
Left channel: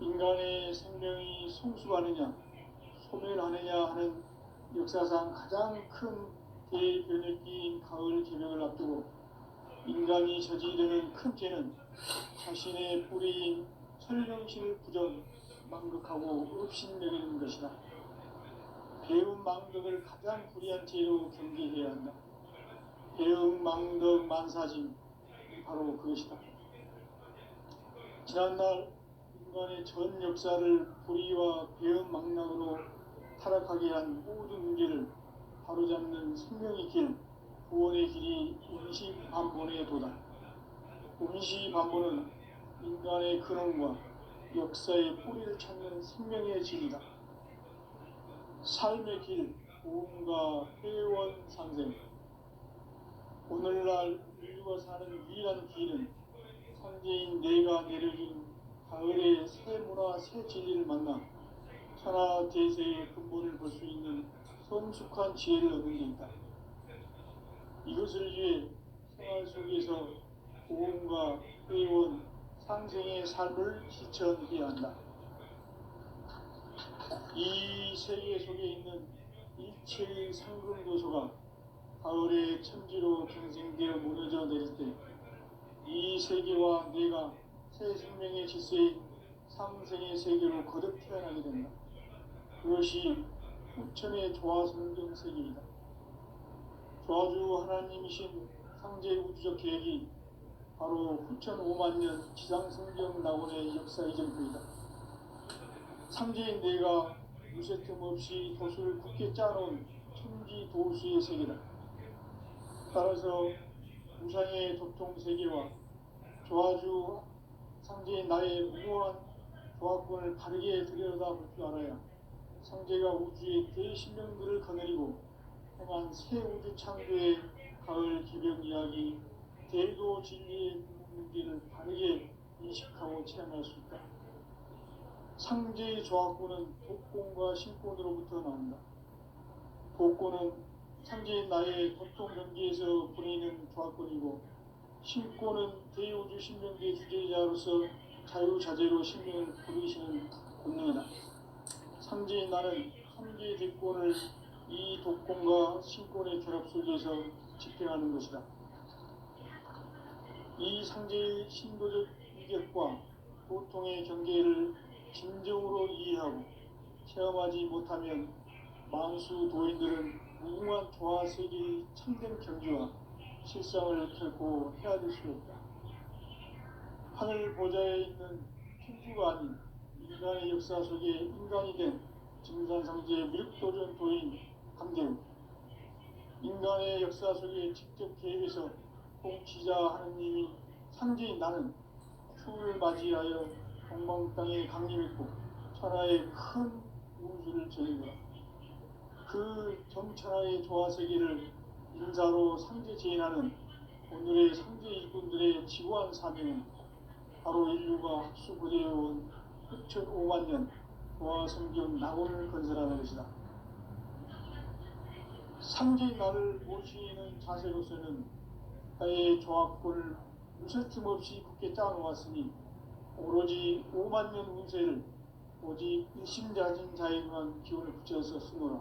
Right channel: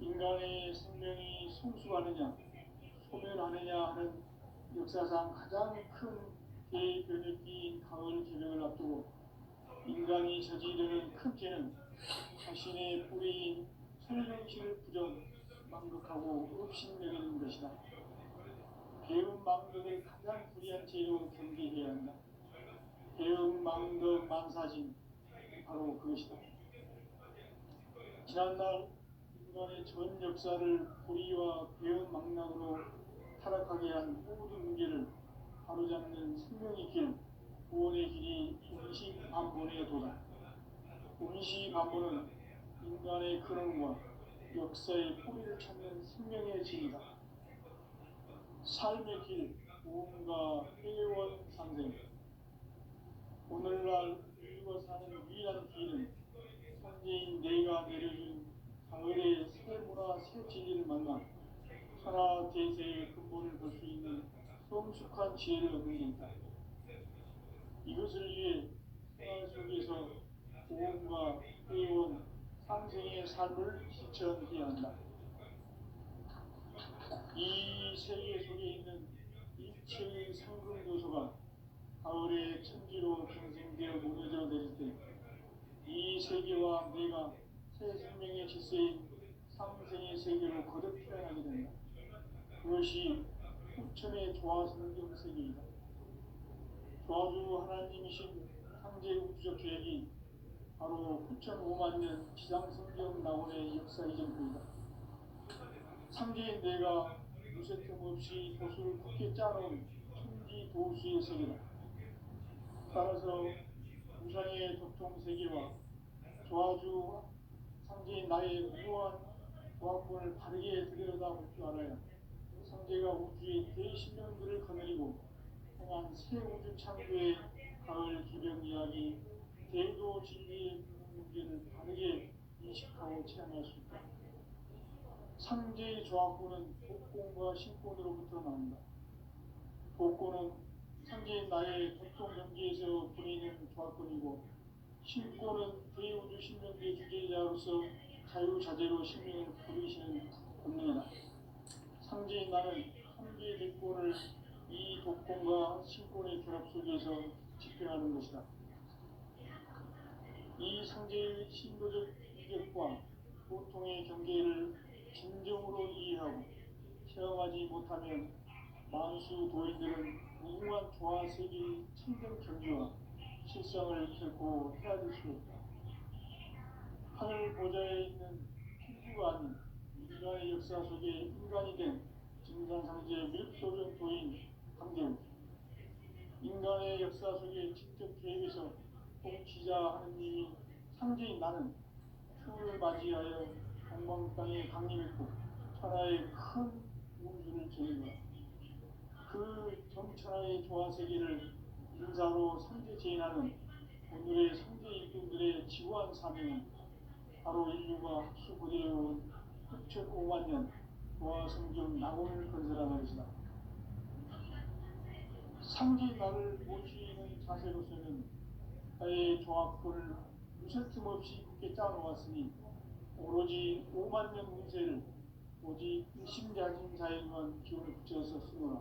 인간의 생명이 성숙하느냐, 소멸하느냐 하는 역사상 가장 큰 대변혁기인 가을 개명을 앞두고 인간이 저지르는 큰 죄는 자신의 뿌리인 설명실 부정, 망극하고 업신여기는 것이다. 배움 망덕을 가장 불의한 죄로 경계해야 한다. 배움 망덕 만사진, 바로 그것이다. 지난날 인간의 전 역사를 불의와 배움 망락으로 타락하게 한 모든 문제를 바로잡는 생명의 길, 구원의 길이 원시반본의 도다. 원시반본은 인간의 근원과 역사의 뿌리를 찾는 생명의 길이다. 삶의 길, 구원과 회원 상생. 오늘날 인류가 사는 유일한 길은 상제인 내가 내려준 가을의 새 문화 새 진리를 만나 천하 대세의 근본을 볼 수 있는 성숙한 지혜를 얻는 데 있다. 이것을 위해 생활 속에서 보험과 회원, 상생의 삶을 실천해야 한다. 이 세계 속에 있는 일체의 상승도소가 가을의 천지로 경생되어 무너져 내릴 때 이 세계와 내가 새 생명의 질서인 상생의 세계로 거듭 태어나게 된다. 그것이 후천의 조화성경 세계이다. 조화주 하나님이신 상제 우주적 계획이 바로 후천 5만 년 지상성경 낙원의 역사 이전부이다. 상제인 내가 무쇠 틈 없이 도수를 굳게 짜놓은 천지 도수의 세계다. 따라서 우상의 도통 세계와 조화주 상제인 나의 무모한 조화권을 바르게 들여다볼 줄 알아야 상제가 우주의 대신령들을 거느리고 행한 새 우주 창조의 가을 기병 이야기, 대도 진리의 문제를 바르게 인식하고 체험할 수 있다. 상제의 조화권은 복권과 신권으로부터 나온다. 복권은 상제인 나의 고통 경계에서 보내는 조화권이고, 신권은 대우주 신명계 주제자로서 자유자재로 신명을 부르시는 본능이다. 상제인 나는 상제의 대권을 이 독권과 신권의 결합 속에서 집행하는 것이다. 이 상제의 신도적 위격과 고통의 경계를 진정으로 이해하고 체험하지 못하면 만수 도인들은 무궁한 조화세계의 참된 경지와 실상을 결코 헤아릴 수 없다. 하늘 보좌에 있는 천주가 아닌 인간의 역사 속에 인간이 된 증산상제 밀도전 도인 감대우, 인간의 역사 속에 직접 개입해서 통치자 하느님이 상제인 나는 추을 맞이하여 동방 땅에 강림했고 천하의 큰 우주를 전했노라. 그 정천하의 조화세계를 인사로 상제 제인하는 오늘의 상제 일꾼들의 지구한 사명은 바로 인류가 합수부대해온 후천 5만 년 조화성경 낙원을 건설하는 것이다. 상제인 나를 모시는 자세로서는 나의 조화권을 무쇠틈 없이 굳게 짜놓았으니 오로지 5만 년 운세를 오직 일심자진 자에게만 기운을 붙여서 쓰노라.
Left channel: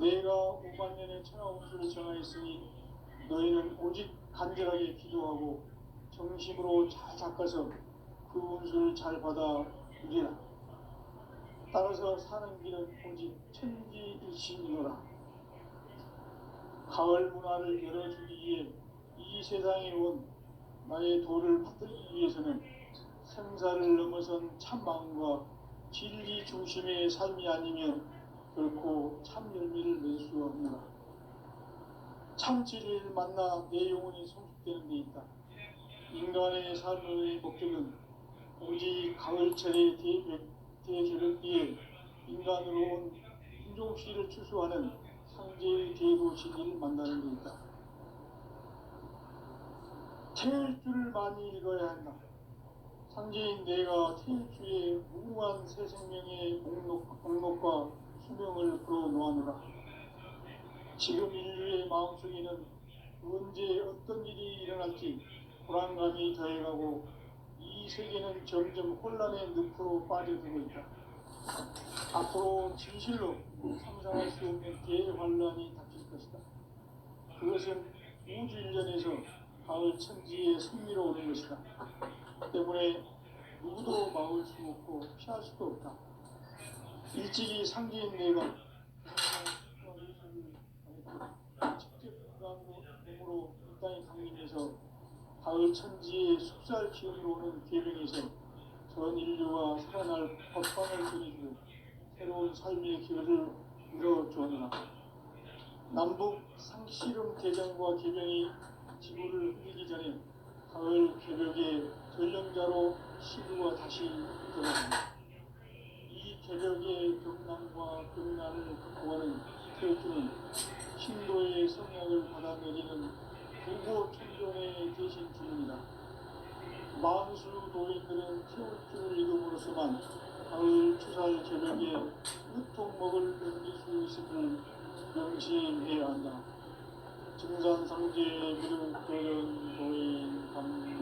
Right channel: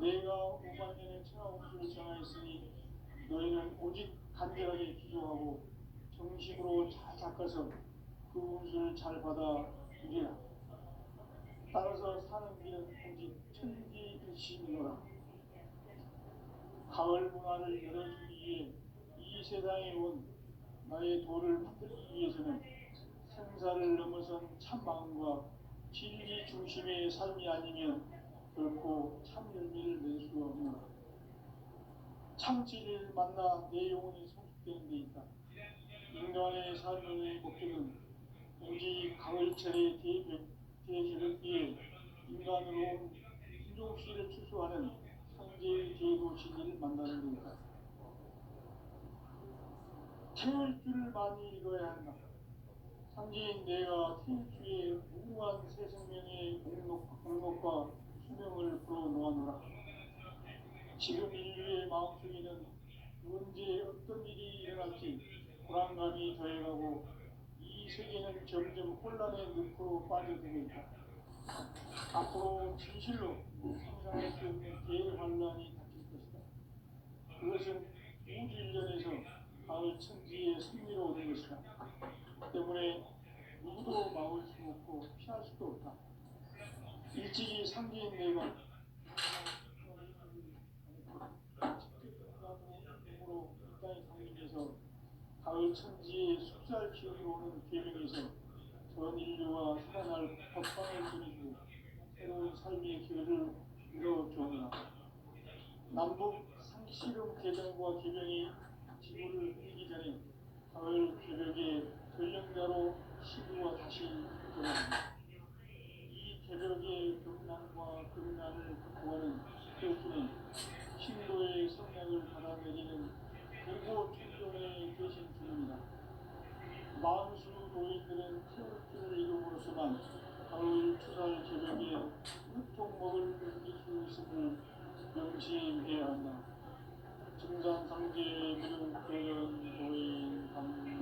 내가 5만 년의 천하 운수를 정하였으니 너희는 오직 간절하게 기도하고 정심으로 잘 닦아서 그 운수를 잘 받아 누리라. 따라서 사는 길은 오직 천지일신이노라. 가을 문화를 열어주기 위해 이 세상에 온 나의 도를 만들기 위해서는 생사를 넘어선 참 마음과 진리 중심의 삶이 아니면 결코 참 열매를 낼 수 없노라. 참 진리를 만나 내 영혼이 성숙되는 데 있다. 인간의 삶의 목적은 오직 가을철의 대제벽기에 인간으로 온 인종시를 추수하는 상제의 대도 진리를 만나는 데 있다. 태일주를 많이 읽어야 한다. 상제인 내가 태일주의 무궁한 새 생명의 목록과 수명을 불어놓아노라. 지금 인류의 마음속에는 언제 어떤 일이 일어날지 불안감이 더해가고 이 세계는 점점 혼란의 늪으로 빠져들고 있다. 앞으로 진실로 상상할 수 없는 대환란이 닥칠 것이다. 그것은 우주 일련에서 가을 천지의 승리로 오는 것이다. 때문에 누구도 막을 수 없고 피할 수도 없다. 일찍이 상제인 내가 몸으로 이 땅에 강림해서 가을 천지의 숲살 기운으로 오는 계명에서 전 인류가 살아날 법방을 전해주고 새로운 삶의 기회를 열어주었노라. 남북 상씨름 대장과 계명이 지구를 흘리기 전에 가을 개벽의 전령자로 시구가 다시 돌아간다. 이 개벽의 경남과 금난을 극복하는 태주는 신도의 성약을 받아내리는 부고 천종의 대신 주인이다. 만수 노인들은 태울 줄 이름으로서만 가을 추살 저녁에 유통먹을 넘길 수 있음을 명심해야 한다. 증산상제 미륵 도전 도인 감리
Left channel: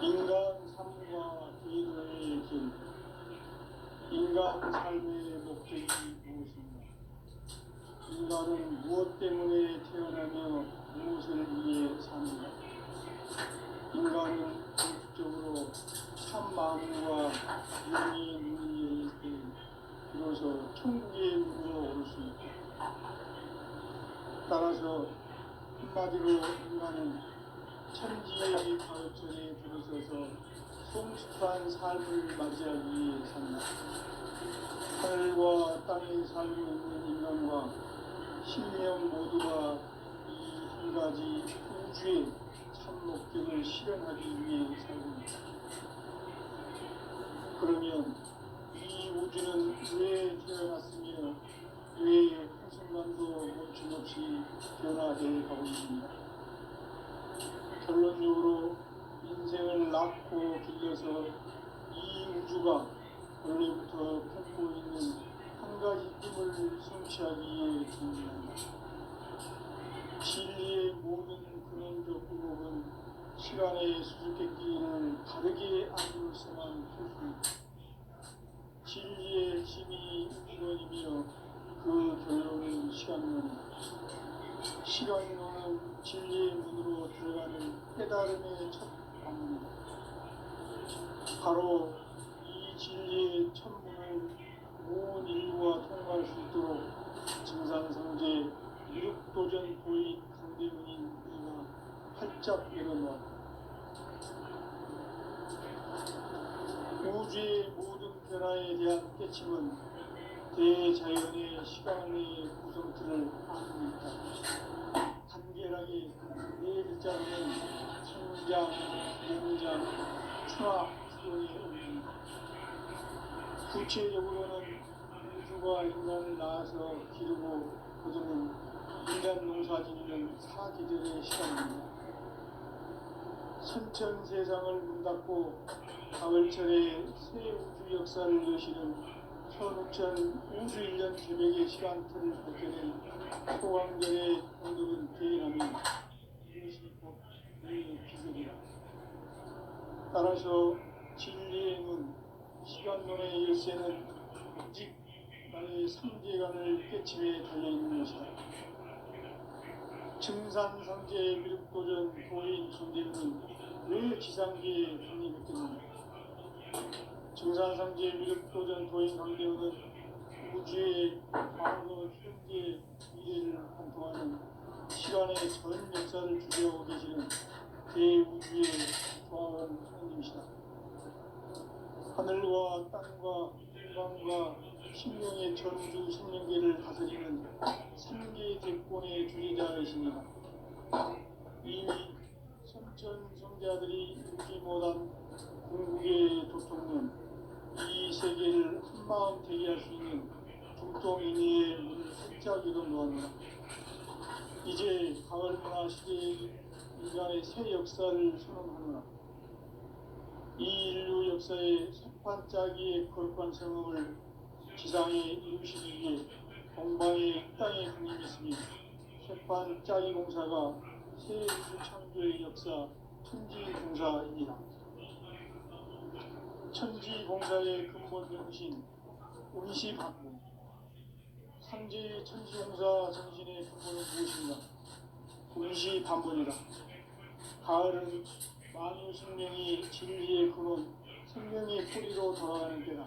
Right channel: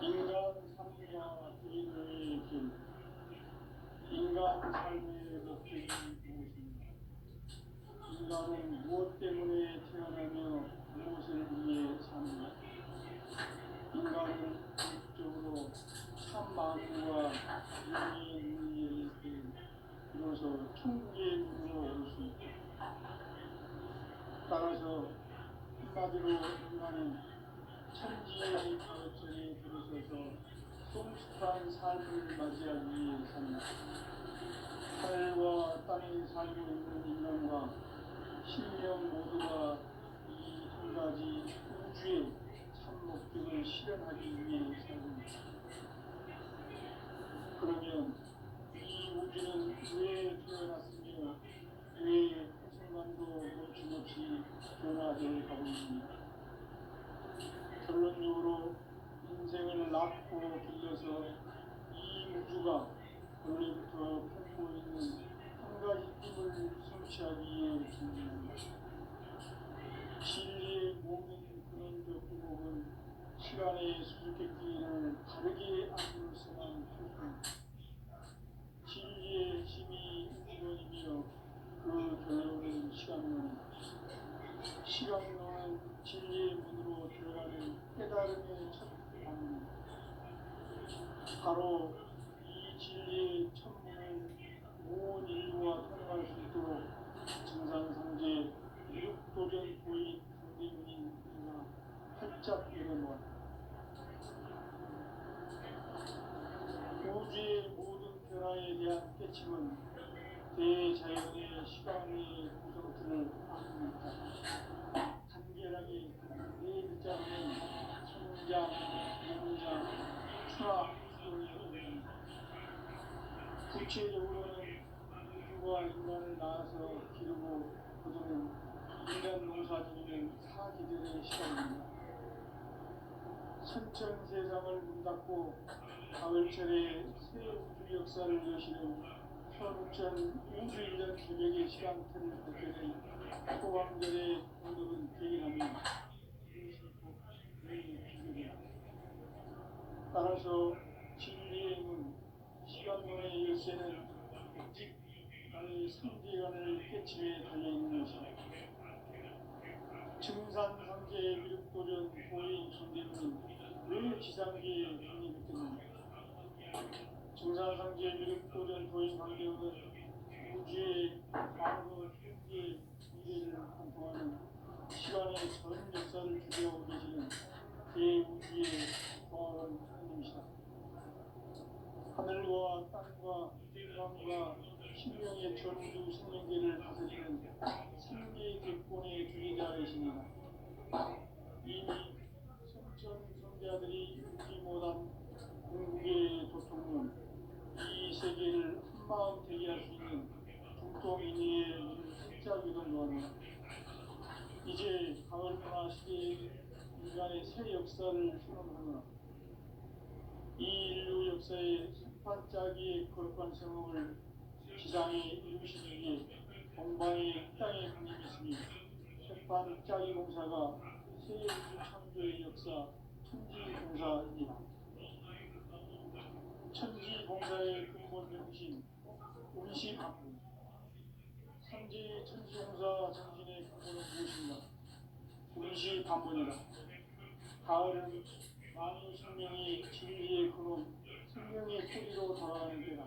인간 삶과 의로의 길. 인간 삶의 목적이 무엇인가? 인간은 무엇 때문에 태어나며 무엇을 위해 사는가? 인간은 본질적으로 참 마음과 영의 눈이 열릴 때 비로소 천국의 문으로 오를 수 있다. 따라서 한마디로 인간은 천지의 가르침에 들어서서 성숙한 삶을 맞이하기 위해 산다. 하늘과 땅에 살고 있는 인간과 신령 모두가 이 한 가지 우주의 참 목적을 실현하기 위해 살고 있다. 그러면 이 우주는 왜 태어났으며 왜 한순간도 멈춤없이 변화되어 가고 있습니까? 결론적으로 인생을 낳고 길러서 이 우주가 원래부터 품고 있는 한 가지 꿈을 성취하기 위해 존재한다. 진리의 모든 근원적 의혹은 시간의 수수께끼를 다르게 알고서만 풀 수 있다. 진리의 핵심이 우주론이며 그 결론은 시간론이다. 시간론은 진리의 문으로 들어가는 깨달음의 첫 방문이다. 바로 이 진리의 천문을 온 인류가 통과할 수 있도록 증산상제 미륵도전 도인 강대문인 이가 활짝 열어놓았다. 우주의 모든 변화에 대한 깨침은 대자연의 시간의 구성틀을 안고 있다. 간결하게 네 글자로는 성장, 영장, 추락, 수동이 의미합니다. 구체적으로는 우주가 인간을 낳아서 기르고 거두는 인간 농사 짓는 사계절의 시간입니다. 선천 세상을 문 닫고 가을철에 새 우주 역사를 여시는 서울천 우주 1년 계획의 시간틀을 갖게 된 소강절의 오늘은 대인합니다. 이것이 곧 우리의 기술이다. 따라서 진리의 문, 시간론의 열쇠는 오직 나의 상계관을 깨침에 달려있는 것이다. 증산상제 미륵도전 도인 강대문은 왜 지상계에 독립했겠는가? 증산상제 미륵도전 도인 강대문은 우주의 과거, 현재, 미래를 관통하는 시간의 전 역사를 주재하고 계시는 대우주의 과언 하나님이시다. 하늘과 땅과 인간과 신령의 전우주 생명계를 다스리는 삼계 대권의 주제자이십니다. 이미 선천 성자들이 이루지 못한 궁극의 도통론, 이 세계를 한마음 되게 할 수 있는 중통인의의 문을 활짝 열어놓았노라. 이제 가을 문화 시대의 인간의 새 역사를 선언하노라. 이 인류 역사의 sep판짜기의 거룩한 성음을 지상에 이루시기 위해 동방의 땅에 분임이 있으니 sep판짜기 공사가 새 우주 창조의 역사 천지공사입니다. 천지공사의 근본 정신 운시반문. 상제 천지공사 정신의 근본은 무엇인가? 운시반문이다. 가을은 만유 생명이 진리의 근원, 생명의 뿌리로 돌아가는 때다.